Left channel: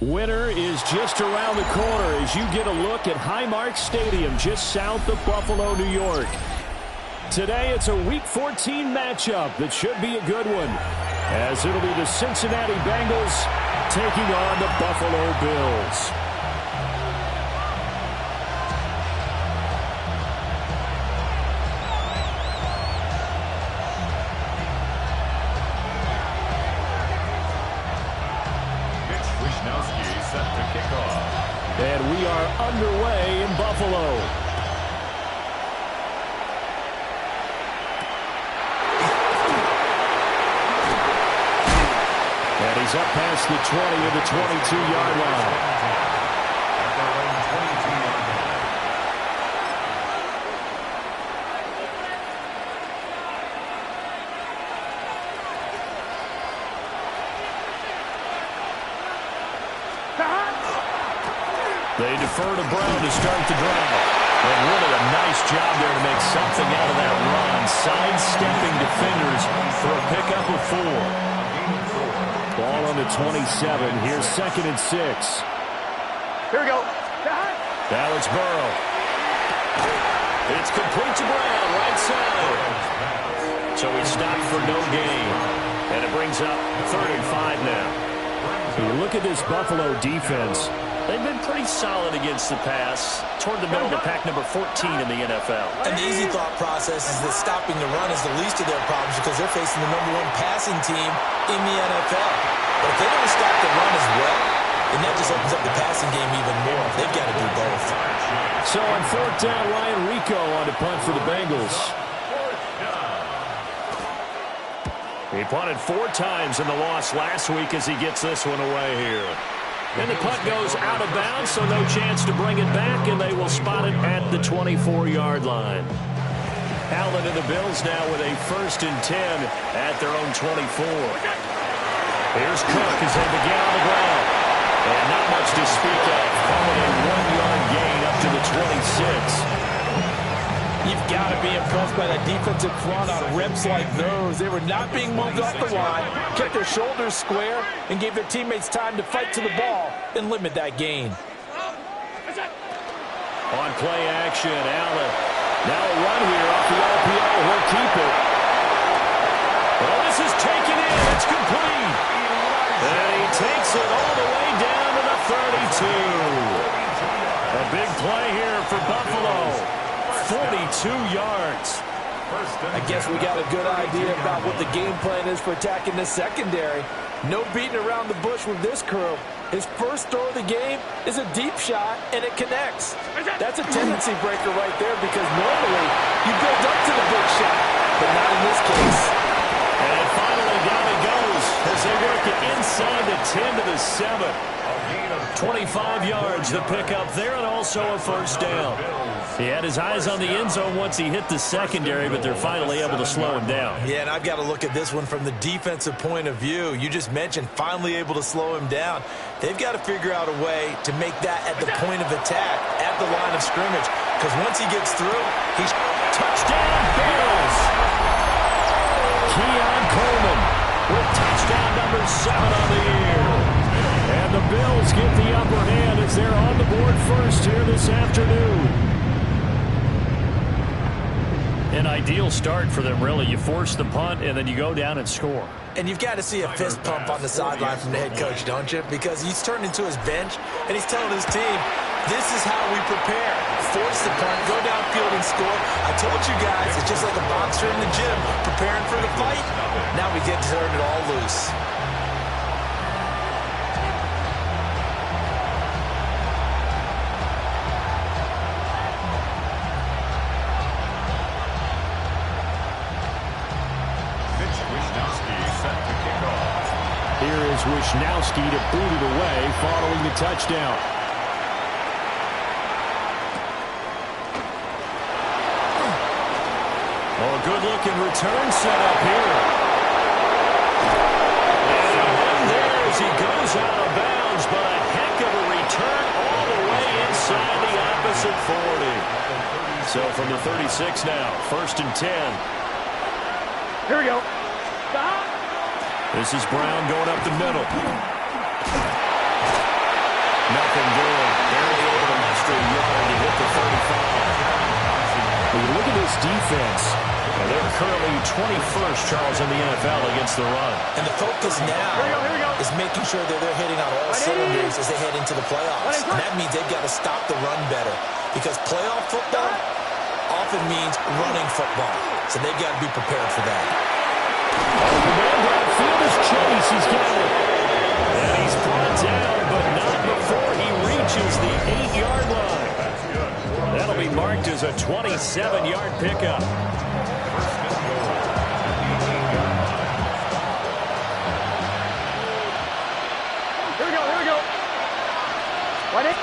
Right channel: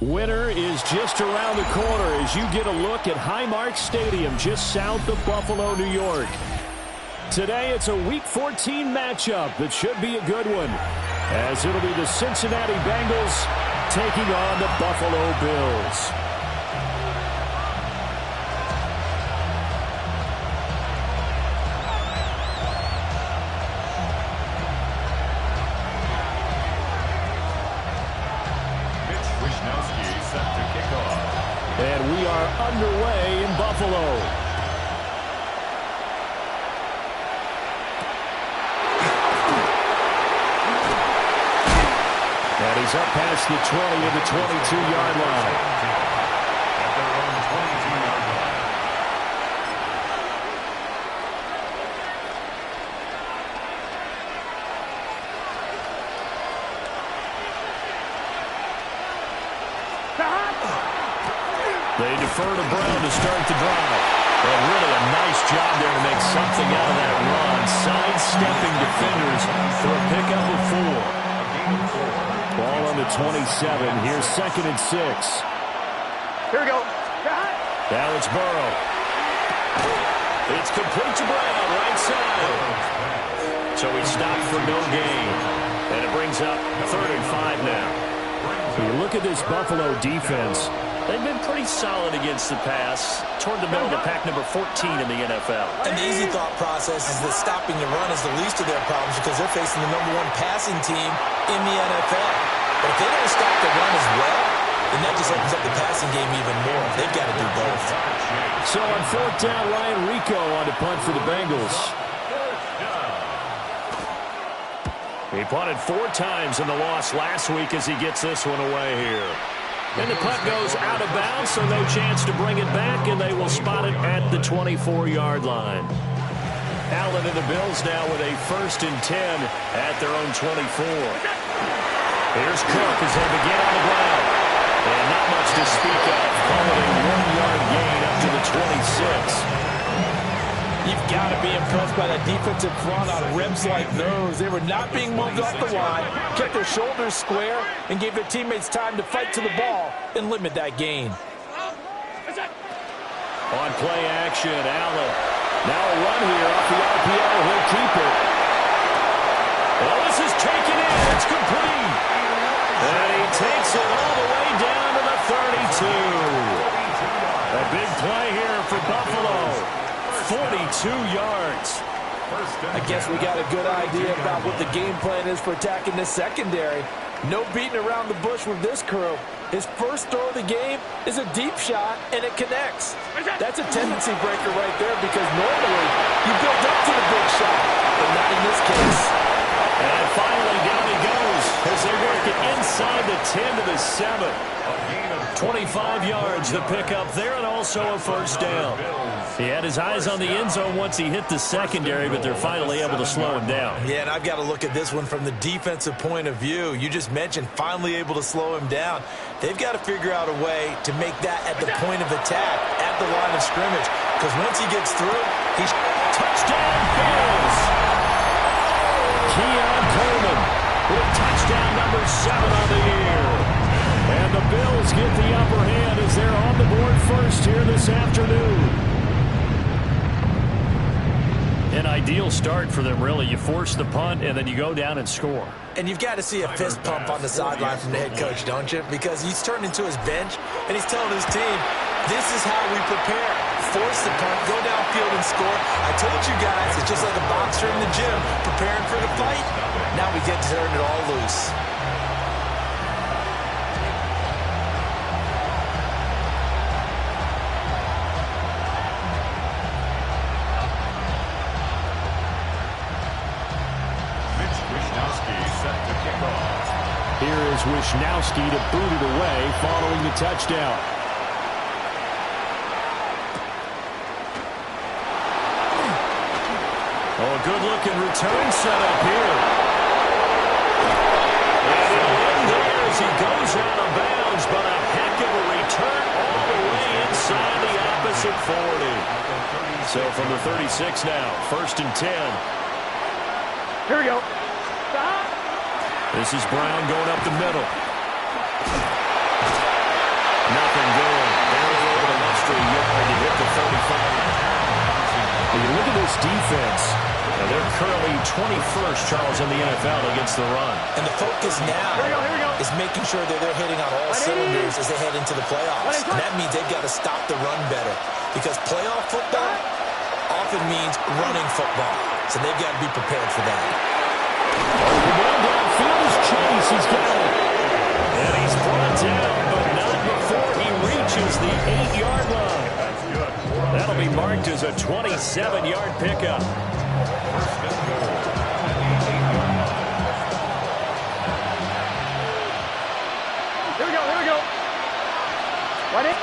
Winter is just around the corner as you get a look at Highmark Stadium just south of Buffalo, New York. Today it's a Week 14 matchup that should be a good one, as it'll be the Cincinnati Bengals taking on the Buffalo Bills. And we are underway in Buffalo. And he's up past the 20 of the 22-yard line. At their own 22-yard line. They defer to Brown to start the drive. And really a nice job there to make something out of that run. Sidestepping defenders for a pickup of 4. Ball on the 27. Here's 2nd and 6. Here we go. Now it's Burrow. It's complete to Brown, right side. So he stopped for no gain. And it brings up 3rd and 5 now. You look at this Buffalo defense. They've been pretty solid against the pass, toward the middle of the pack, number 14 in the NFL. And the easy thought process is that stopping the run is the least of their problems because they're facing the #1 passing team in the NFL. But if they don't stop the run as well, then that just opens up the passing game even more. They've got to do both. So on 4th down, Ryan Rico on to punt for the Bengals. He punted 4 times in the loss last week as he gets this one away here. And the punt goes out of bounds, so no chance to bring it back, and they will spot it at the 24-yard line. Allen and the Bills now with a 1st and 10 at their own 24. Here's Cook as they begin on the ground. And not much to speak of. Call it a 1-yard gain up to the 26. You've got to be impressed by that defensive front on reps like those. They were not being moved off the line, kept their shoulders square, and gave their teammates time to fight to the ball and limit that gain. On play action, Allen. Now a run here off the RPO. He'll keep it. Well, this is taken in. It's complete. And he takes it all the way down to the 32. A big play here for Buffalo. 42 yards. I guess we got a good idea about what the game plan is for attacking the secondary. No beating around the bush with this crew. His first throw of the game is a deep shot, and it connects. That's a tendency breaker right there because normally you build up to the big shot, but not in this case. And finally down he goes as they work it inside the 10 to the 7. 25 yards the pickup there, and also a 1st down. He had his eyes on the end zone once he hit the secondary, but they're finally able to slow him down. Yeah, and I've got to look at this one from the defensive point of view. You just mentioned finally able to slow him down. They've got to figure out a way to make that at the point of attack, at the line of scrimmage, because once he gets through, he's... Touchdown, Bills! Keon Coleman with touchdown number 7 on the year. And the Bills get the upper hand as they're on the board first here this afternoon. An ideal start for them, really. You force the punt, and then you go down and score. And you've got to see a fist pump on the sideline from the head coach, don't you? Because he's turned into his bench, and he's telling his team, this is how we prepare. Force the punt, go downfield and score. I told you guys, it's just like a boxer in the gym preparing for the fight. Now we get to turn it all loose. Here is Wisnowski to boot it away following the touchdown. Oh, a good-looking return set up here. And he'll end there as he goes out of bounds, but a heck of a return all the way inside the opposite 40. So from the 36 now, 1st and 10. Here we go. This is Brown going up the middle. Nothing doing. Barely able to muster a yard to hit the 35. When you look at this defense, they're currently 21st, Charles, in the NFL against the run. And the focus now is making sure that they're hitting on all cylinders as they head into the playoffs. And that means they've got to stop the run better, because playoff football often means running football. So they've got to be prepared for that. The man downfield is Chase. He's got it. And he's brought down, but not before he reaches the 8-yard line. That'll be marked as a 27-yard pickup. First and goal at the 8-yard line. Here we go. Right in.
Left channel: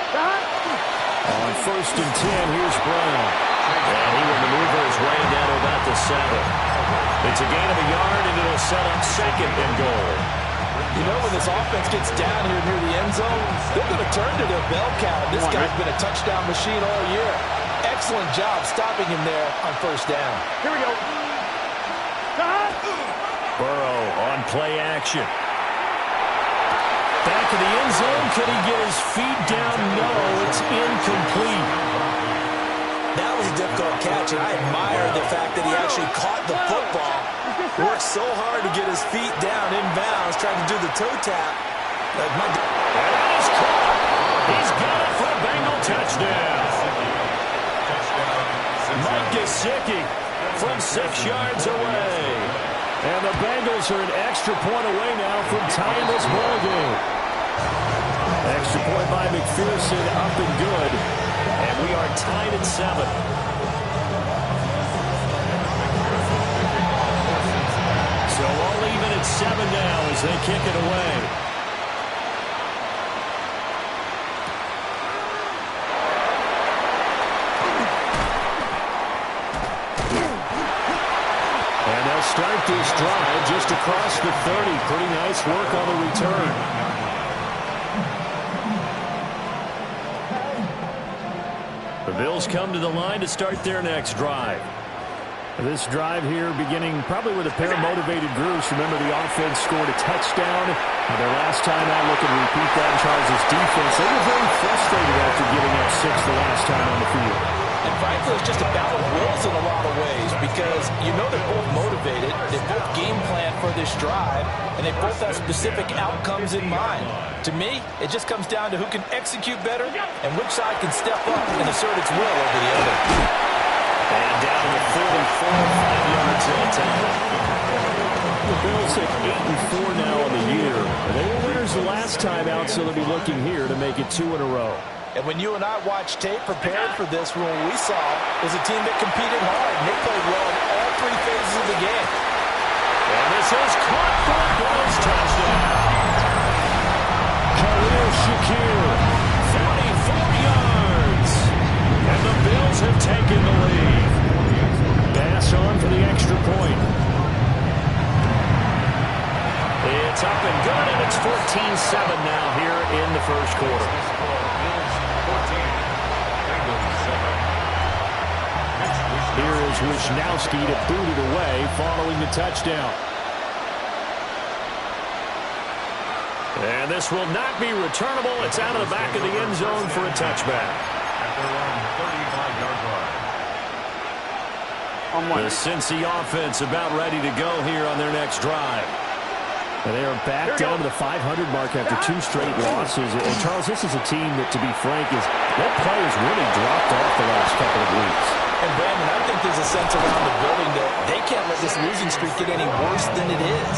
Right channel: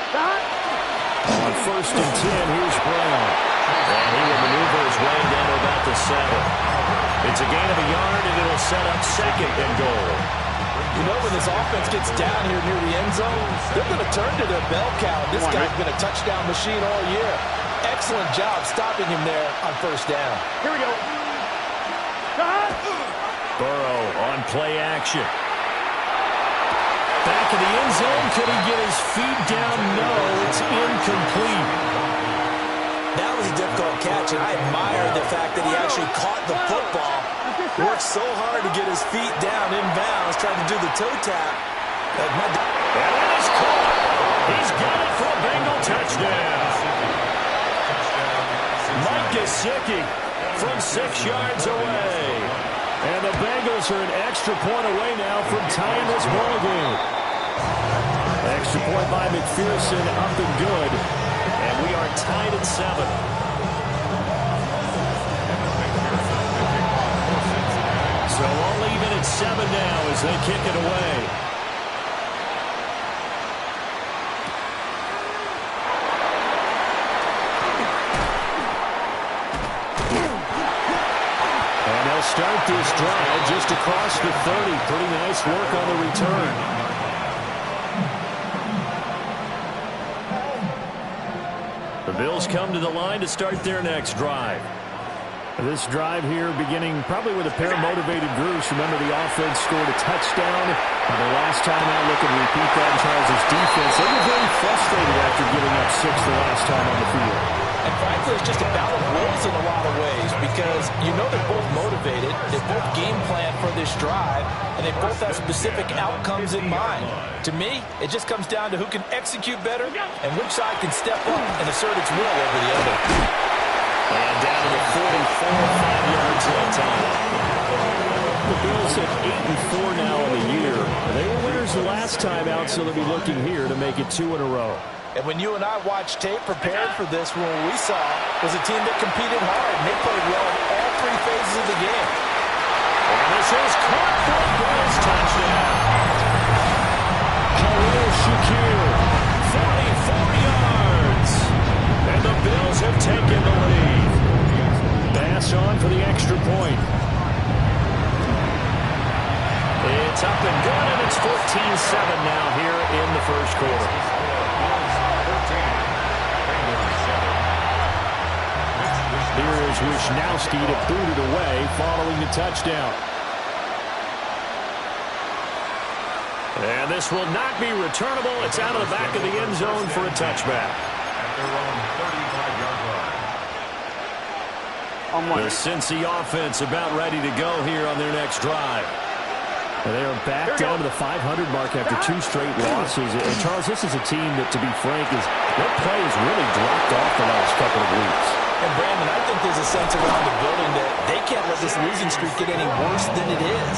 On first and 10, here's Brown. And he will maneuver his way down to about the 7. It's a gain of a yard, and it'll set up second and goal. You know, when this offense gets down here near the end zone, they're going to turn to their bell cow. This guy's been a touchdown machine all year. Excellent job stopping him there on first down. Here we go. Burrow on play action. Back of the end zone. Could he get his feet down? No, it's incomplete. That was a difficult catch, and I admire the fact that he actually caught the football. Worked so hard to get his feet down inbounds, trying to do the toe tap. And that is caught. He's got it for a Bengal touchdown. Mike Gesicki from 6 yards away. And the Bengals are an extra point away now from tying this ball game. Extra point by McPherson, up and good. And we are tied at 7. So all even at 7 now as they kick it away. And they'll start this drive just across the 30. Pretty nice work on the return. The Bills come to the line to start their next drive. This drive here beginning probably with a pair of motivated groups. Remember, the offense scored a touchdown. Their last time out, looking to repeat that in Charles' defense. They were very frustrated after giving up 6 the last time on the field. And frankly, it's just a battle of wills in a lot of ways, because you know they're both motivated, they both game plan for this drive, and they both have specific outcomes in mind. To me, it just comes down to who can execute better and which side can step up and assert its will over the other. And down to the 44, 5 yards that time. The Bills at 8-4 now on the year. They were winners the last time out, so they'll be looking here to make it 2 in a row. And when you and I watched tape prepared for this, what we saw was a team that competed hard, and they played well in all 3 phases of the game. And this is caught for a Bills touchdown. Khalil Shakir, 44 yards. And the Bills have taken the lead. Pass on for the extra point. It's up and good, and it's 14-7 now here in the first quarter. Here is Wisnowski to boot it away following the touchdown. And this will not be returnable. It's out of the back of the end zone for a touchback. At their own 35-yard line. The Cincy offense about ready to go here on their next drive. And they are back down to the 500 mark after 2 straight losses. And Charles, this is a team that, to be frank, their play has really dropped off the last couple of weeks. And Brandon, I think there's a sense around the building that they can't let this losing streak get any worse than it is.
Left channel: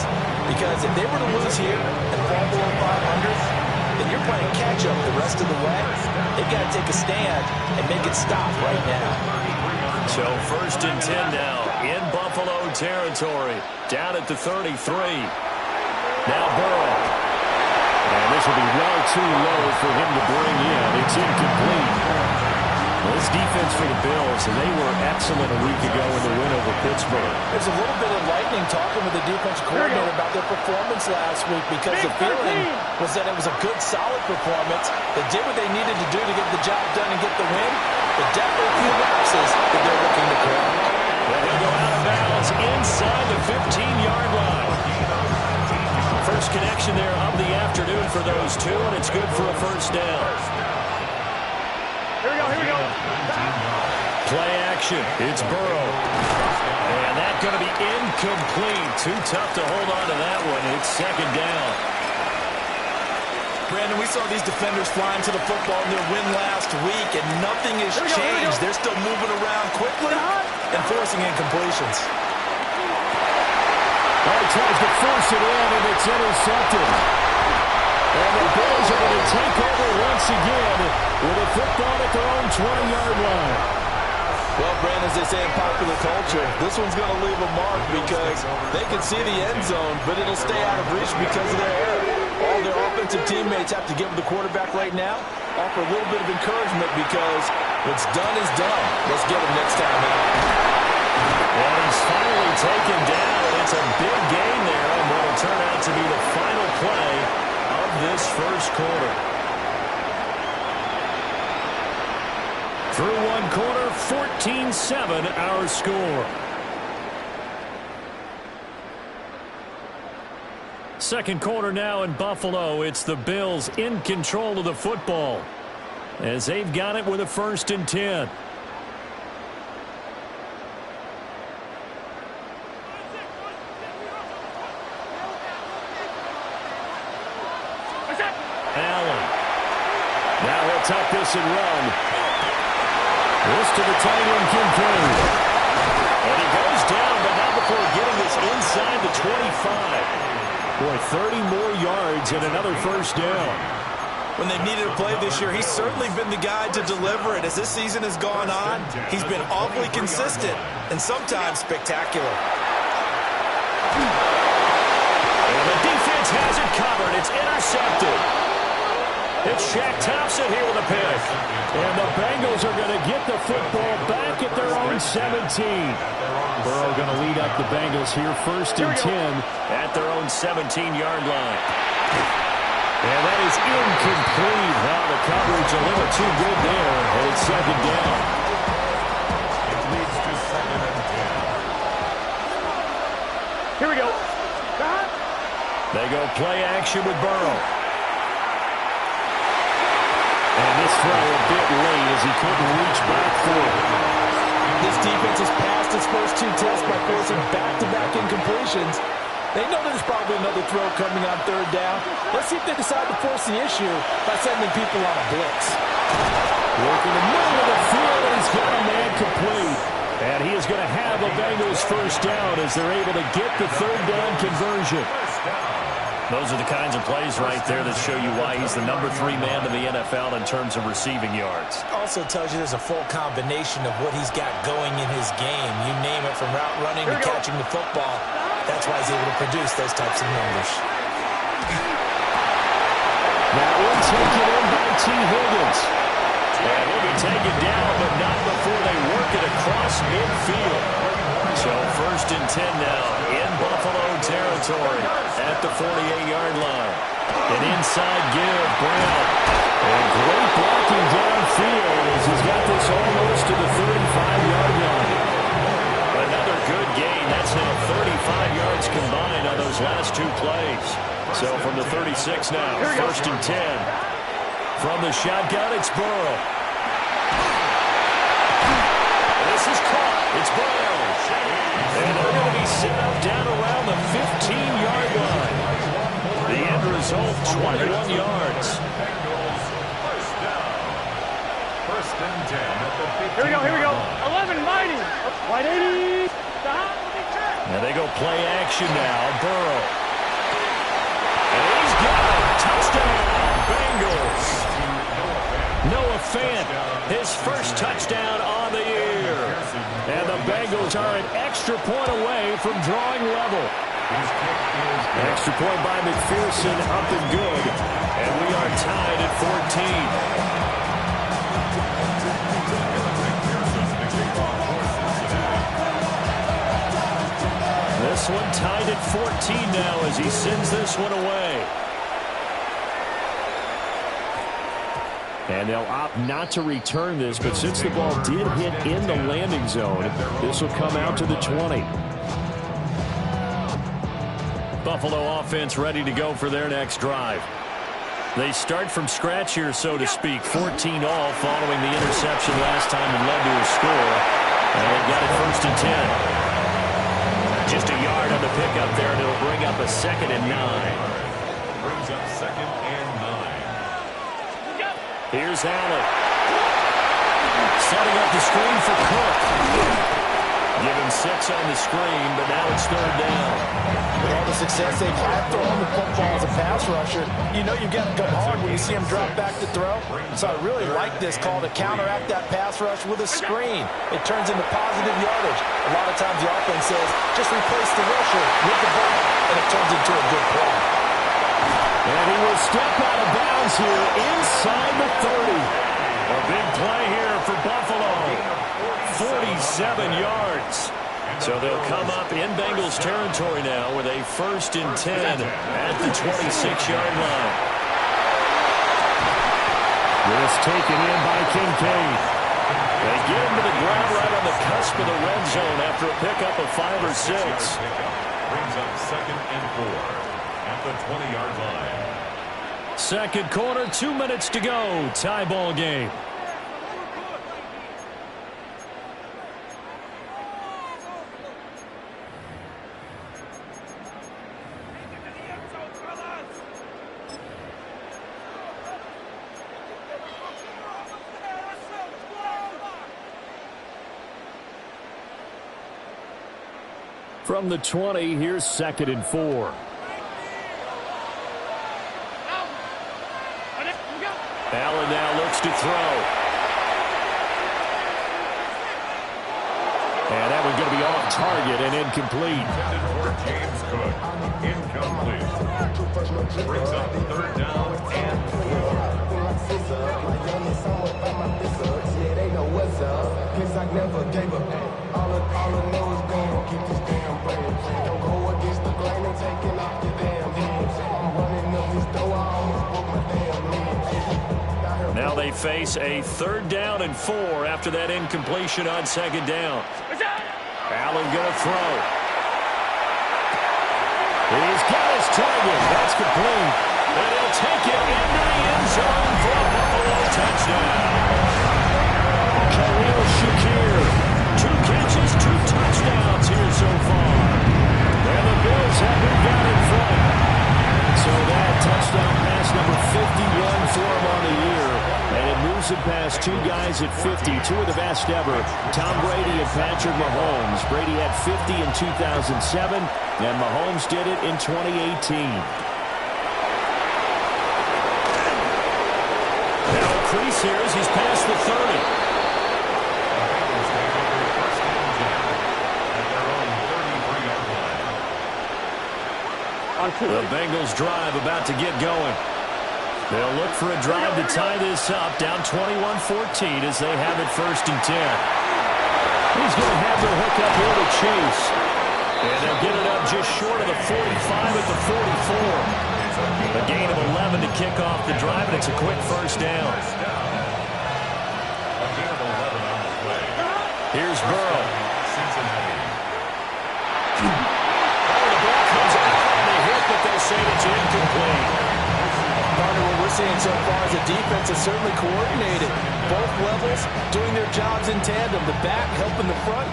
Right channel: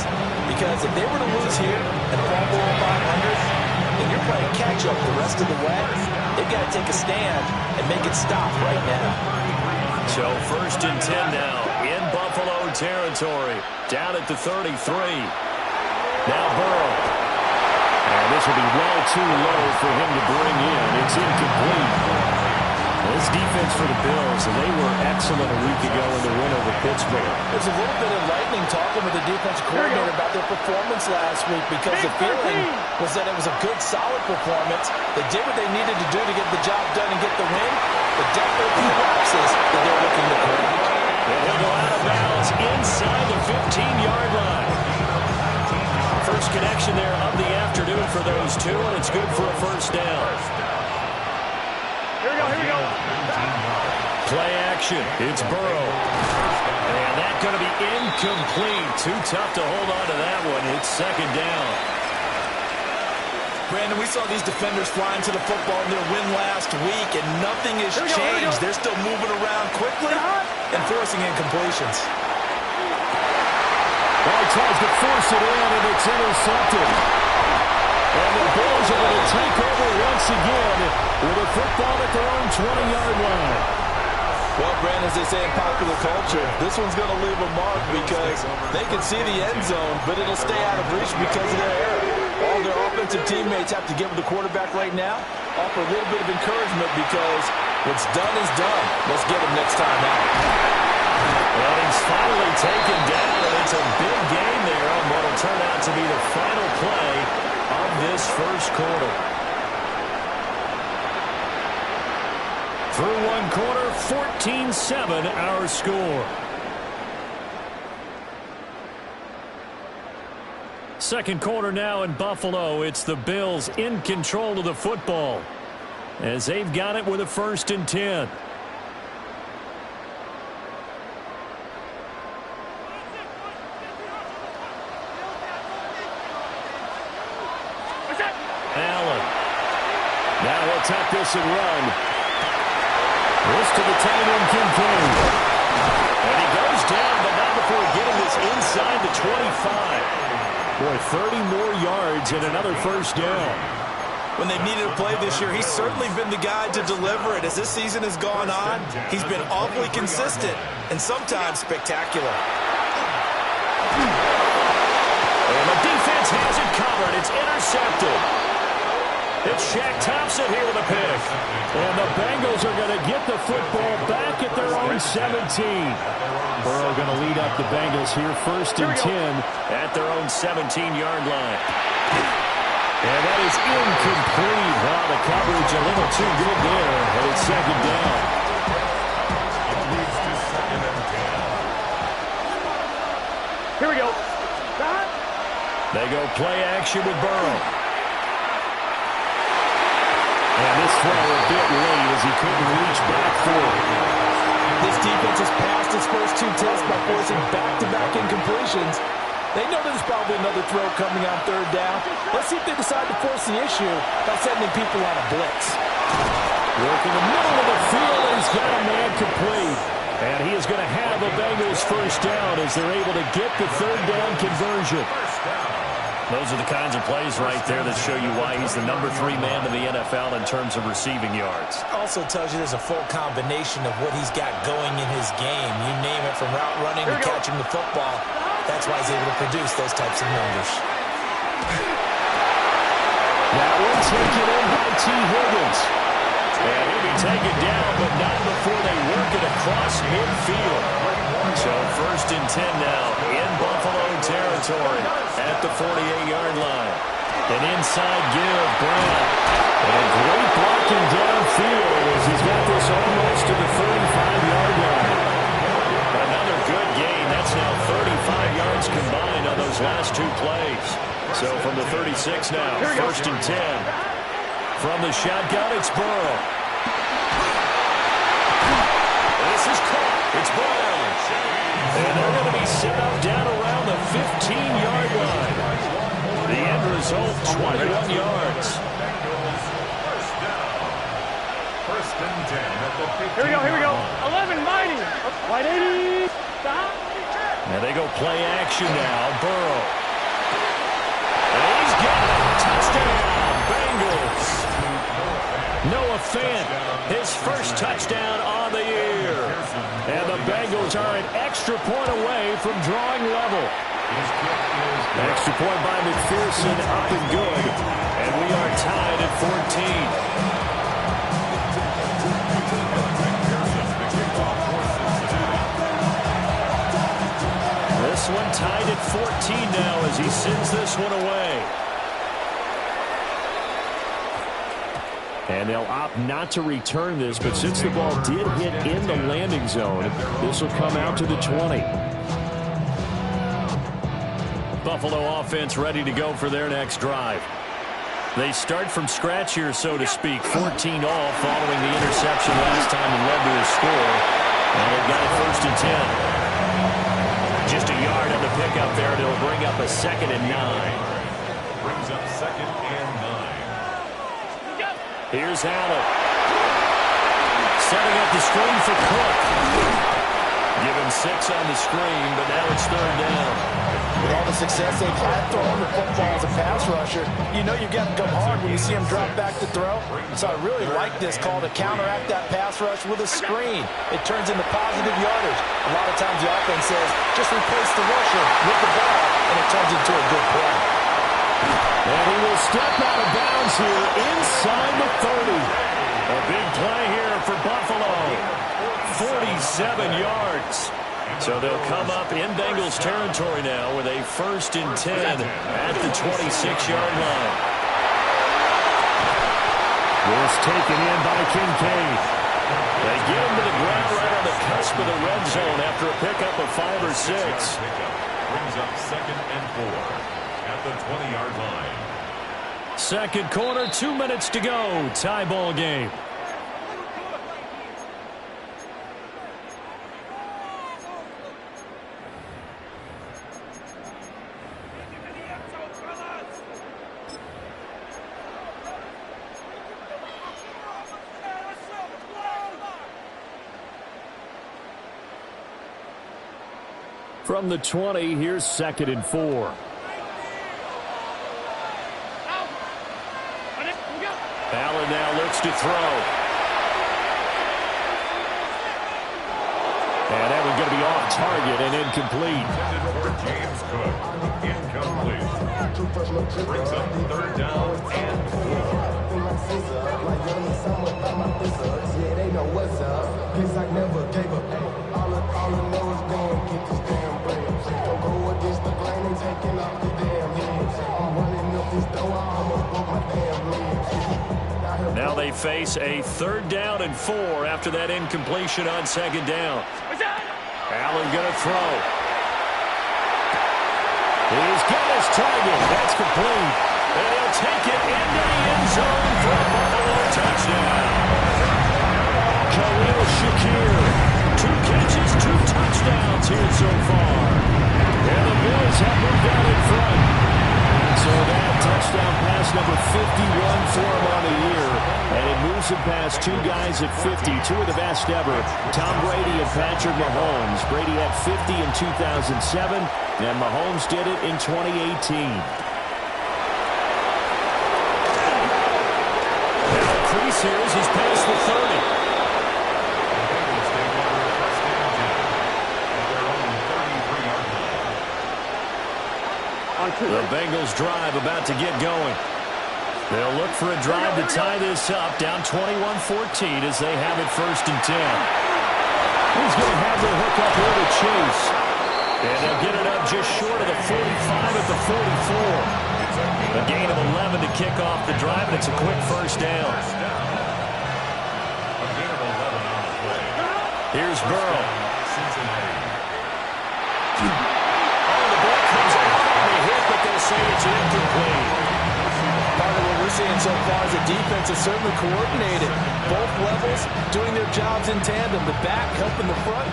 Because if they were to lose here and fall below 500, then you're playing catch-up the rest of the way. They've got to take a stand and make it stop right now. So first and 10 now in Buffalo territory. Down at the 33. Now Burrow. And this will be well too low for him to bring in. It's incomplete. Well, this defense for the Bills, they were excellent a week ago in the win over Pittsburgh. There's a little bit enlightening talking with the defensive coordinator about their performance last week, because the feeling was that it was a good, solid performance. They did what they needed to do to get the job done and get the win, but definitely a few lapses that they're looking to correct. And he'll go out of bounds inside the 15-yard line. First connection there of the afternoon for those two, and it's good for a first down. Here we go, here we go. Play action. It's Burrow. And that's going to be incomplete. Too tough to hold on to that one. It's second down. Brandon, we saw these defenders flying to the football in their win last week, and nothing has changed. They're still moving around quickly and forcing incompletions. Well, he tries to force it in, and it's intercepted. And the Bills are going to take over once again with a football at their own 20-yard line. Well, Brandon, as they say in popular culture, this one's going to leave a mark because they can see the end zone, but it'll stay out of reach because of their error. All their offensive teammates have to give the quarterback right now, offer a little bit of encouragement because what's done is done. Let's get him next time out. And he's finally taken down, and it's a big gain there on what will turn out to be the final play of this first quarter. Through one quarter, 14-7 our score. Second quarter now in Buffalo. It's the Bills in control of the football as they've got it with a 1st and 10. Allen. Now he'll tuck this and run. This to the tight end, Kincaid. And he goes down, but not before getting this inside the 25. Boy, 30 more yards and another first down. When they've needed a play this year, he's certainly been the guy to deliver it. As this season has gone on, he's been awfully consistent and sometimes spectacular. And the defense has it covered. It's intercepted. It's Shaq Thompson here with a pick. And the Bengals are going to get the football back at their own 17. Burrow going to lead up the Bengals here, 1st and 10. At their own 17-yard line. And that is incomplete. Oh, the coverage a little too good there. And it's second down. It leads to 2nd and 10. Here we go. They go play action with Burrow. And this throw a bit late as he couldn't reach back for it. This defense has passed its first 2 tests by forcing back-to-back incompletions. They know there's probably another throw coming on 3rd down. Let's see if they decide to force the issue by sending people on a blitz. Work in the middle of the field, and he's got a man complete. And he is going to have a Bengals first down as they're able to get the 3rd down conversion. Those are the kinds of plays right there that show you why he's the number 3 man in the NFL in terms of receiving yards. Also tells you there's a full combination of what he's got going in his game. You name it, from route running to catching the football. That's why he's able to produce those types of numbers. That one taken in by T. Higgins. And he'll be taken down, but not before they work it across midfield. So 1st and 10 now in Buffalo territory at the 48-yard line. An inside give, Brown. And great blocking downfield as he's got this almost to the 35-yard line. Another good gain. That's now 35 yards combined on those last 2 plays. So from the 36 now, 1st and 10. From the shotgun, it's Burrow. This is caught. It's Brown. And they're going to be set up down around the 15-yard line. The end result, 21 yards. Bengals first down. 1st and 10 at the 15. Here we go, here we go. 11, mighty. Wide 80. Now they go play action now. Burrow. And he's got it. Touchdown, Bengals. Noah Fant, his first touchdown on the year. And the Bengals are an extra point away from drawing level. Extra point by McPherson, up and good. And we are tied at 14. This one tied at 14 now as he sends this one away. And they'll opt not to return this, but since the ball did hit in the landing zone, this will come out to the 20. Buffalo offense ready to go for their next drive. They start from scratch here, so to speak. 14 all following the interception last time and led to a score. And they've got it 1st and 10. Just a yard on the pickup there, and it'll bring up a 2nd and 9. Brings up 2nd and 9. Here's Allen. Setting up the screen for Cook. Give him 6 on the screen, but now it's 3rd down. With all the success they've had throwing the football as a pass rusher, you know you've got to come hard when you see him drop back to throw. So I really like this call to counteract that pass rush with a screen. It turns into positive yardage. A lot of times the offense says, just replace the rusher with the ball, and it turns into a good play. And he will step out of bounds here inside the 30. A big play here for Buffalo. 47 yards. So they'll come up in Bengals territory now with a 1st and 10 at the 26-yard line. This taken in by Kincaid. They get him to the ground right on the cusp of the red zone after a pickup of 5 or 6. Brings up 2nd and 4 at the 20-yard line. Second quarter, 2 minutes to go. Tie ball game. From the 20, here's 2nd and 4. Allen now looks to throw. And that one's going to be off target and incomplete. Intended for James Cook. Incomplete. Brings up 3rd down and 4. Yeah, they know what's up. Cause I never gave up. All I know is going to get this damn bread. Don't go against the grain and taking off your damn head. I'm running up this door, I almost broke my damn leg. Now they face a 3rd down and 4 after that incompletion on 2nd down. Allen going to throw. He's got his target. That's complete. And he'll take it into the end zone for a Buffalo touchdown. Khalil Shakir. 2 catches, 2 touchdowns here so far. And the Bills have moved out in front. So that touchdown pass number 51 for him on the year. And it moves him past 2 guys at 50, 2 of the best ever, Tom Brady and Patrick Mahomes. Brady had 50 in 2007, and Mahomes did it in 2018. Now crease here as he's past the 30. Bengals take over 1st and 10 at their own 33-yard line. The Bengals drive about to get going. They'll look for a drive to tie this up, down 21-14 as they have it 1st and 10. He's going to have the hook up here to Chase. And they'll get it up just short of the 45 at the 44. A gain of 11 to kick off the drive, and it's a quick 1st down. A gain of 11 on the play. Here's Burrow. Cincinnati. Oh, the ball comes out on the hit, but they'll say it's incomplete. Partner, what we're seeing so far is the defense is certainly coordinated. Both levels doing their jobs in tandem. The back helping the front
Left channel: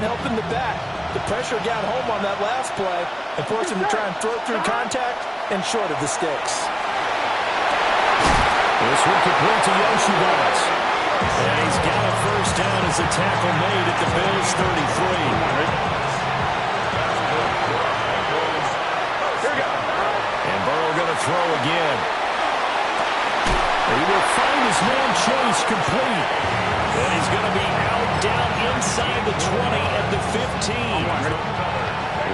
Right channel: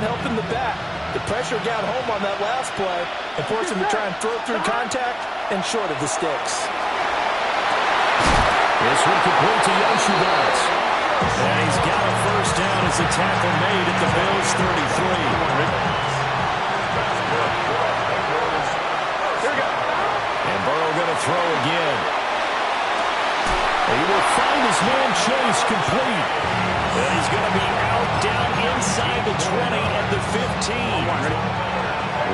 helping the back. The pressure got home on that last play and forced him to try and throw through contact and short of the sticks. This one complete to Yoshibas. And he's got a 1st down as the tackle made at the Bills' 33. And Burrow going to throw again. He will find his man Chase complete. And he's going to be out down inside the 20 at the 15.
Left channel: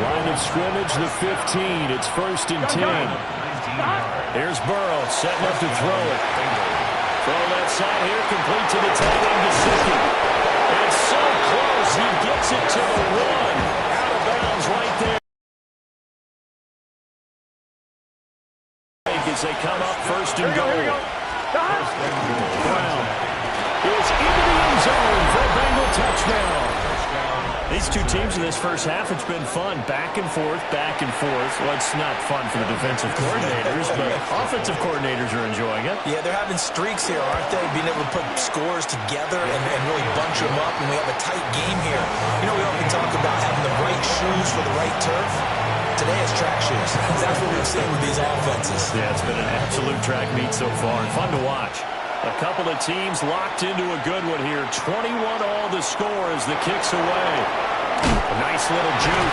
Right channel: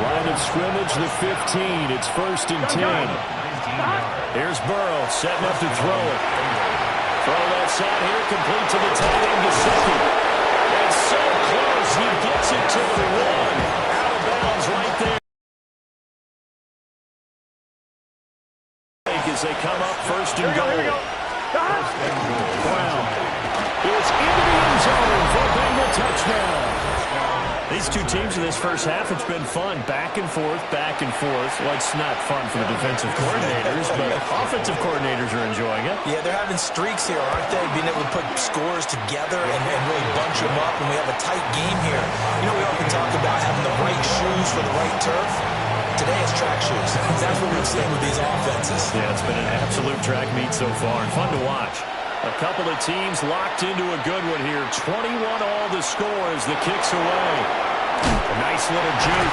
Line of scrimmage, the 15. It's 1st and 10. Here's Burrow setting up to throw it. Throw left side here, complete to the tight end, Gesicki. And so close, he gets it to the 1. Out of bounds right there. As they come up 1st and goal. Brown is into the end zone for a Bengal touchdown. These two teams in this first half, it's been fun. Back and forth, back and forth. Well, it's not fun for the defensive coordinators, but offensive coordinators are enjoying it. Yeah, they're having streaks here, aren't they? Being able to put scores together and really bunch them up, and we have a tight game here. You know, we often talk about having the right shoes for the right turf. Today is track shoes. That's what we've seen with these offenses. Yeah, it's been an absolute track meet so far, and fun to watch. A couple of teams locked into a good one here. 21 all the score as the kick's away. A nice little juke.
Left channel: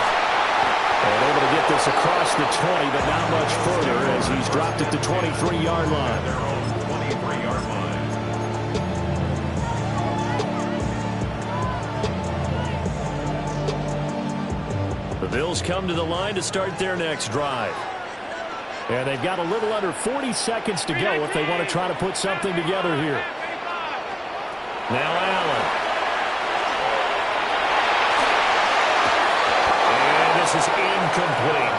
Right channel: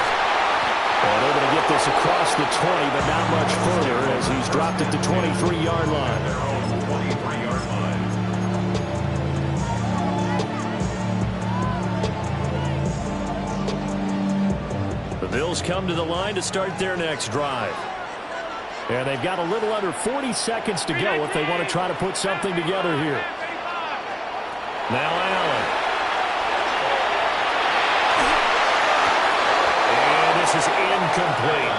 And able to get this across the 20, but not much further as he's dropped it to 23-yard line. Their own 23-yard line. The Bills come to the line to start their next drive. And they've got a little under 40 seconds to go if they want to try to put something together here. Now Allen. And this is incomplete.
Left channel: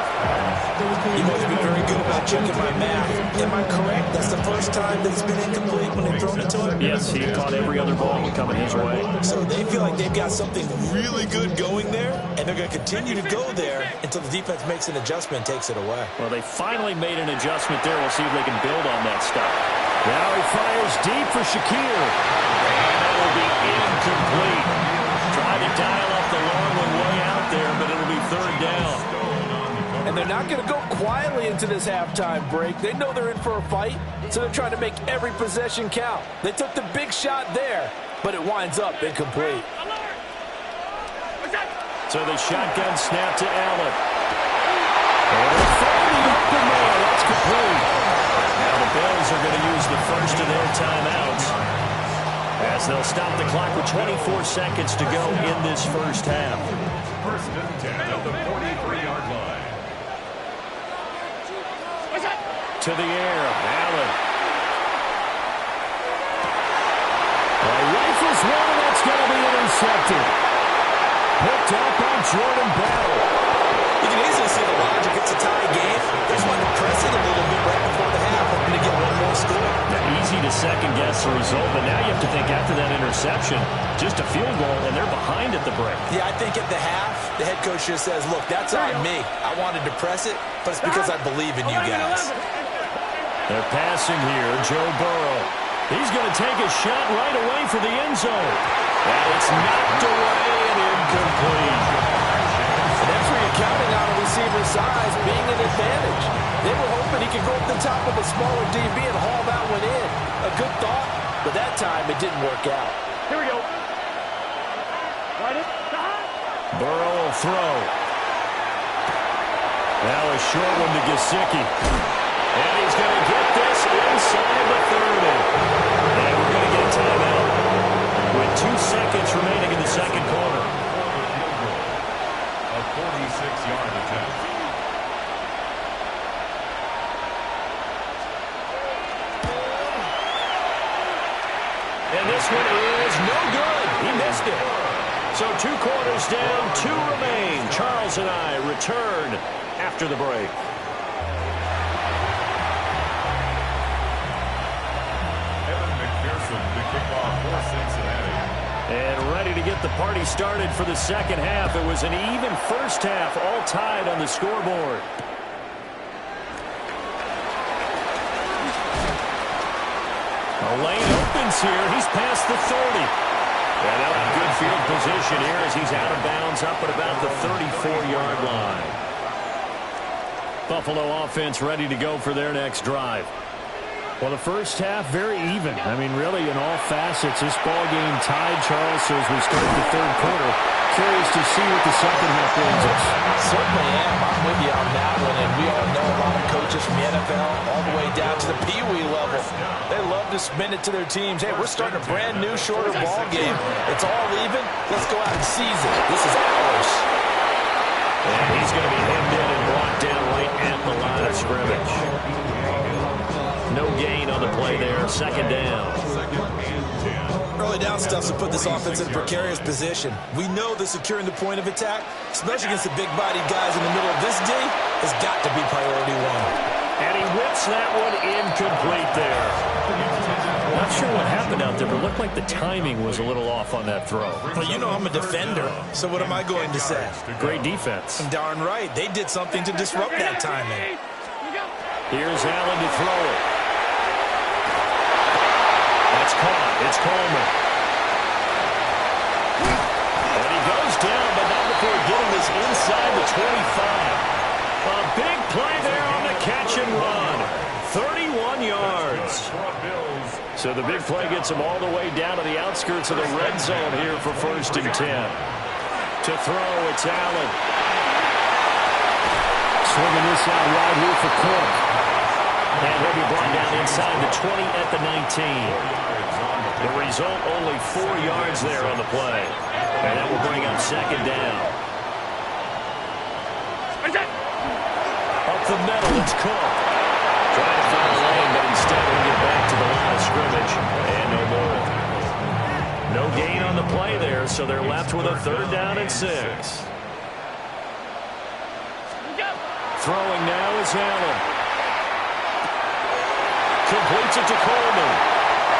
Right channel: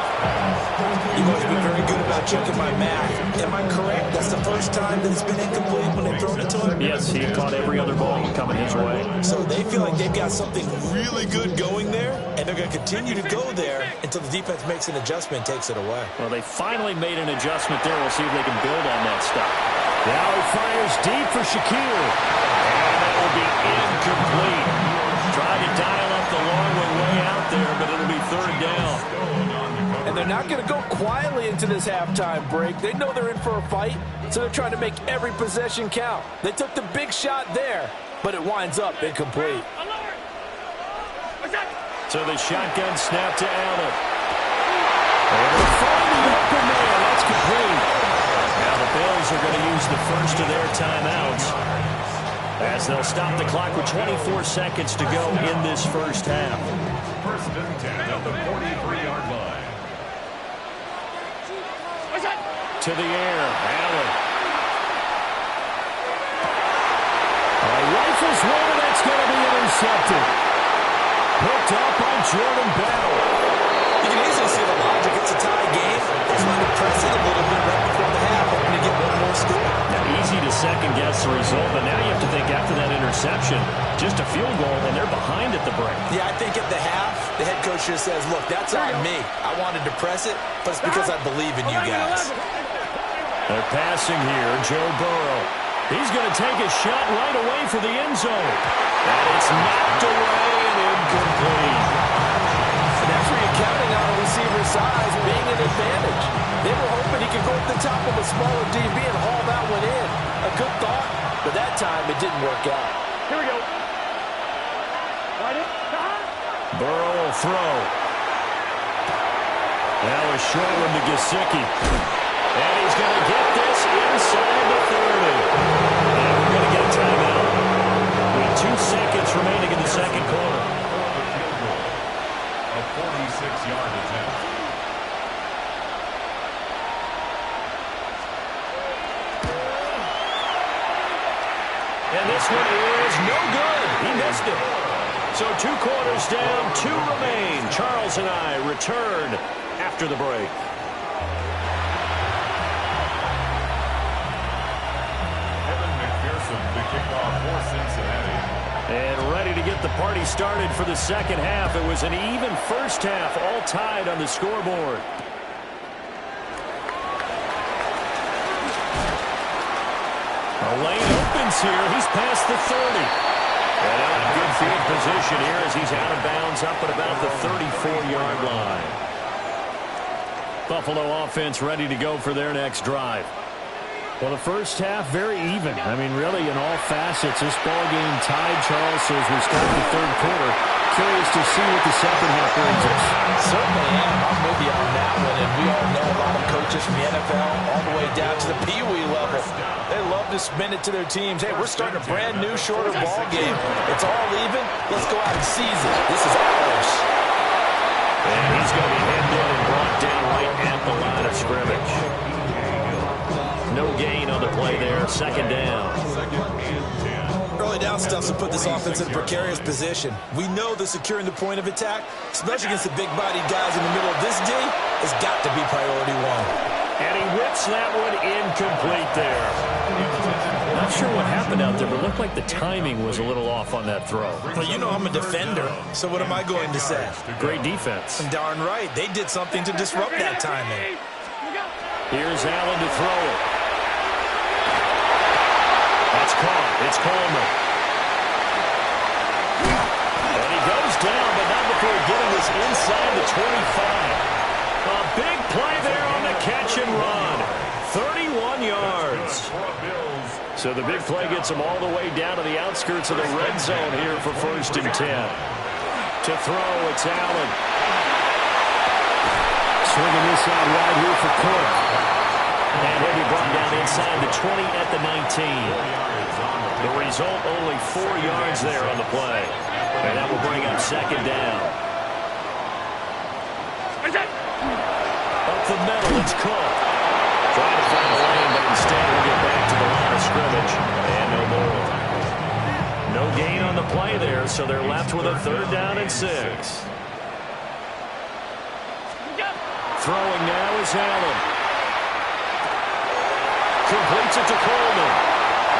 You must be very good about checking my math. Am I correct? That's the first time that it's been incomplete when they've thrown it to him? Yes, he caught every other ball coming his way. So they feel like they've got something really good going there, and they're going to continue to go there until the defense makes an adjustment and takes it away. Well, they finally made an adjustment there. We'll see if they can build on that stuff. Now he fires deep for Shakir. And that will be incomplete. Tried to dial up the long one way out there, but it'll be third down. And they're not going to go quietly into this halftime break. They know they're in for a fight, so they're trying to make every possession count. They took the big shot there, but it winds up incomplete. So the shotgun snap to Allen. And they'll find the open man. That's complete. Now the Bills are going to use the first of their timeouts as they'll stop the clock with 24 seconds to go in this first half. First and 10 at the 43-yard line. To the air, Allen. Rifles one, and that's going to be intercepted. Picked up by Jordan Battle. You can easily see the logic. It's a tie game. They just wanted to press it a little bit right before the half, hoping to get one more score. Now, easy to second-guess the result, but now you have to think after that interception, just a field goal, and they're behind at the break. Yeah, I think at the half, the head coach just says, look, that's on me. I wanted to press it, but it's because I believe in you guys. They're passing here, Joe Burrow. He's going to take a shot right away for the end zone. And it's knocked away and incomplete. And that's where you're counting on a receiver's size being an advantage. They were hoping he could go up the top of a smaller DB and haul that one in. A good thought, but that time it didn't work out. Here we go. Burrow will throw. Now a short one to Gesicki. And he's going to get this inside the 30. And we're going to get a timeout with 2 seconds remaining in the second quarter. A 46-yard attempt. And this one is no good. He missed it. So 2 quarters down, 2 remain. Charles and I return after the break. The kickoff for Cincinnati. And ready to get the party started for the second half. It was an even first half, all tied on the scoreboard. A lane opens here. He's past the 30. And now in good field position here as he's out of bounds up at about the 34-yard line. Buffalo offense ready to go for their next drive. Well, the first half, very even. I mean, really, in all facets, this ball game tied, Charles. So as we start the third quarter, curious to see what the second half brings us. Certainly am. I'm with you on that one. And we all know a lot of coaches from the NFL all the way down to the Pee Wee level. They love to spin it to their teams. Hey, we're starting a brand new, shorter ball game. It's all even. Let's go out and seize it. This is ours. And he's going to be hemmed in and brought down right at the line of scrimmage. No gain on the play there. Second down. Early down stuff to put this offense in a precarious position. We know that securing the point of attack, especially against the big-bodied guys in the middle of this D, has got to be priority one. And he whips that one incomplete there. Not sure what happened out there, but it looked like the timing was a little off on that throw. Well, you know I'm a defender, so what am I going to say? Great defense. Darn right. They did something to disrupt that timing. Here's Allen to throw it. That's caught. It's Coleman. And he goes down, but not before getting this inside the 25. A big play there on the catch and run. 31 yards. So the big play gets him all the way down to the outskirts of the red zone here for 1st and 10. To throw, it's Allen. Swinging this out wide here for Cook. And he'll be brought down inside the 20 at the 19. The result, only 4 yards there on the play. And that will bring up 2nd down. Up the middle, it's Cook. Trying to find a lane, but instead he'll get back to the line of scrimmage. And no more. No gain on the play there, so they're left with a 3rd down and 6. Throwing now is Allen. Completes it to Coleman.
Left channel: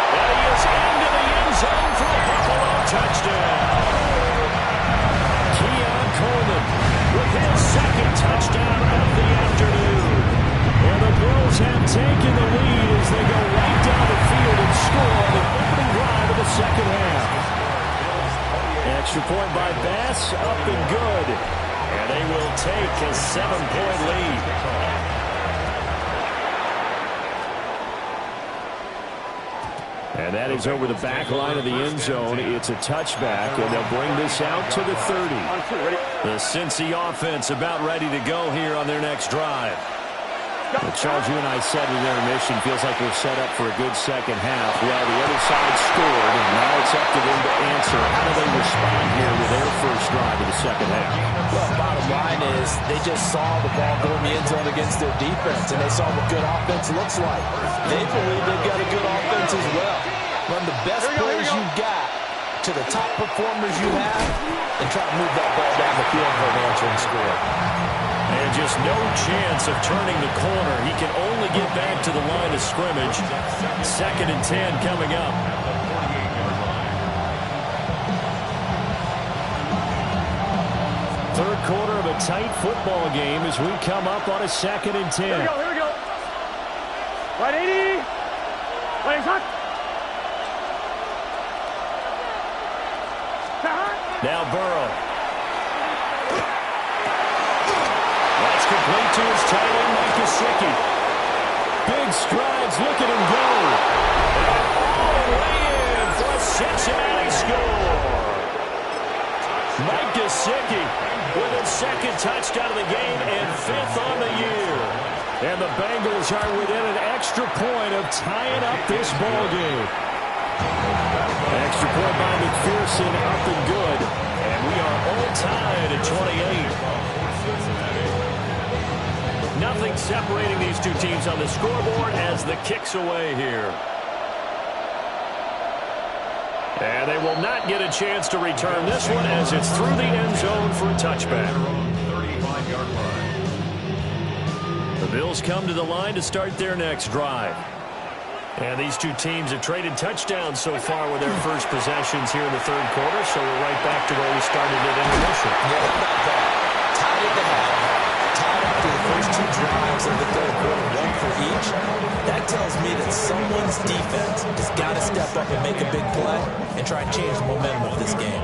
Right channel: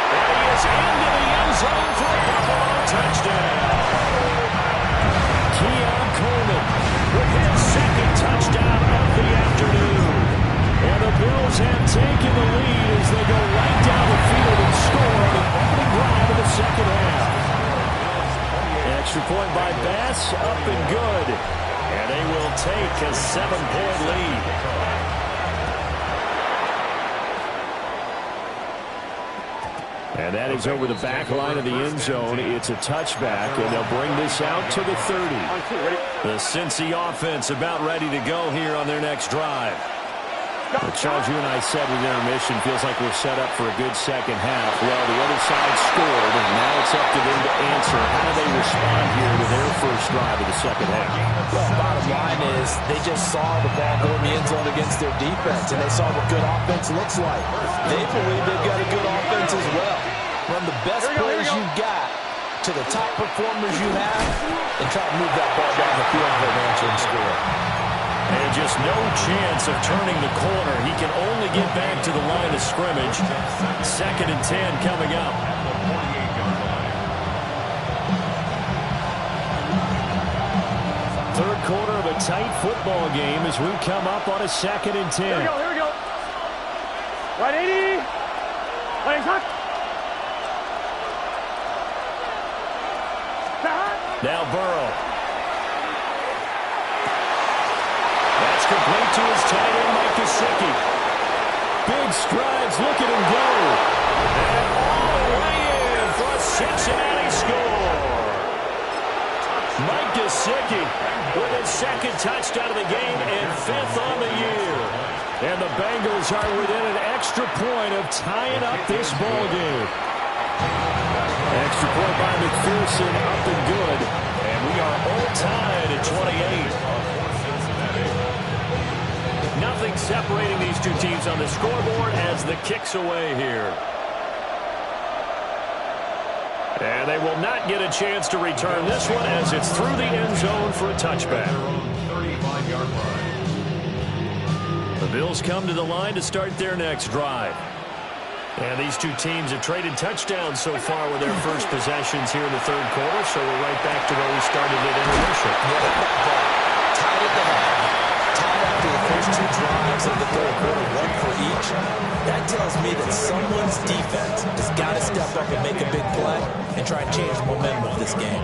And he is into the end zone for a Buffalo touchdown. Keon Coleman with his 2nd touchdown of the afternoon. And the Bills have taken the lead as they go right down the field and score on the opening drive of the 2nd half. Extra point by Bass, up and good. And they will take a 7-point lead. And that is over the back line of the end zone. It's a touchback, and they'll bring this out to the 30. The Cincy offense about ready to go here on their next drive. But Charles, you and I said in intermission, feels like we're set up for a good 2nd half. Well, the other side scored, and now it's up to them to answer. How do they respond here with their first drive of the 2nd half? Well, bottom line is they just saw the ball go in the end zone against their defense, and they saw what good offense looks like. They believe they've got a good offense as well. Run the best plays you got to the top performers you have, and try to move that ball down the field for an answering score. And just no chance of turning the corner. He can only get back to the line of scrimmage. 2nd and 10 coming up. Third quarter of a tight football game as we come up on a 2nd and 10. Here we go. Right 80. Right shot. Now Burrow. That's complete to his tight end, Mike Gesicki. Big strides, look at him go. And all the way in for a Cincinnati score. Mike Gesicki with his 2nd touchdown of the game and 5th on the year. And the Bengals are within an extra point of tying up this ball game. Extra point by McPherson, up and good. And we are all tied at 28. Nothing separating these two teams on the scoreboard as the kick's away here. And they will not get a chance to return this one as it's through the end zone for a touchback. The Bills come to the line to start their next drive. And these two teams have traded touchdowns so far with their first possessions here in the 3rd quarter, so we're right back to where we started at intermission. Yeah, how about that? Tied at the half. Tied after the first 2 drives of the 3rd quarter, 1 for each. That tells me that someone's defense has got to step up and make a big play and try and change the momentum of this game.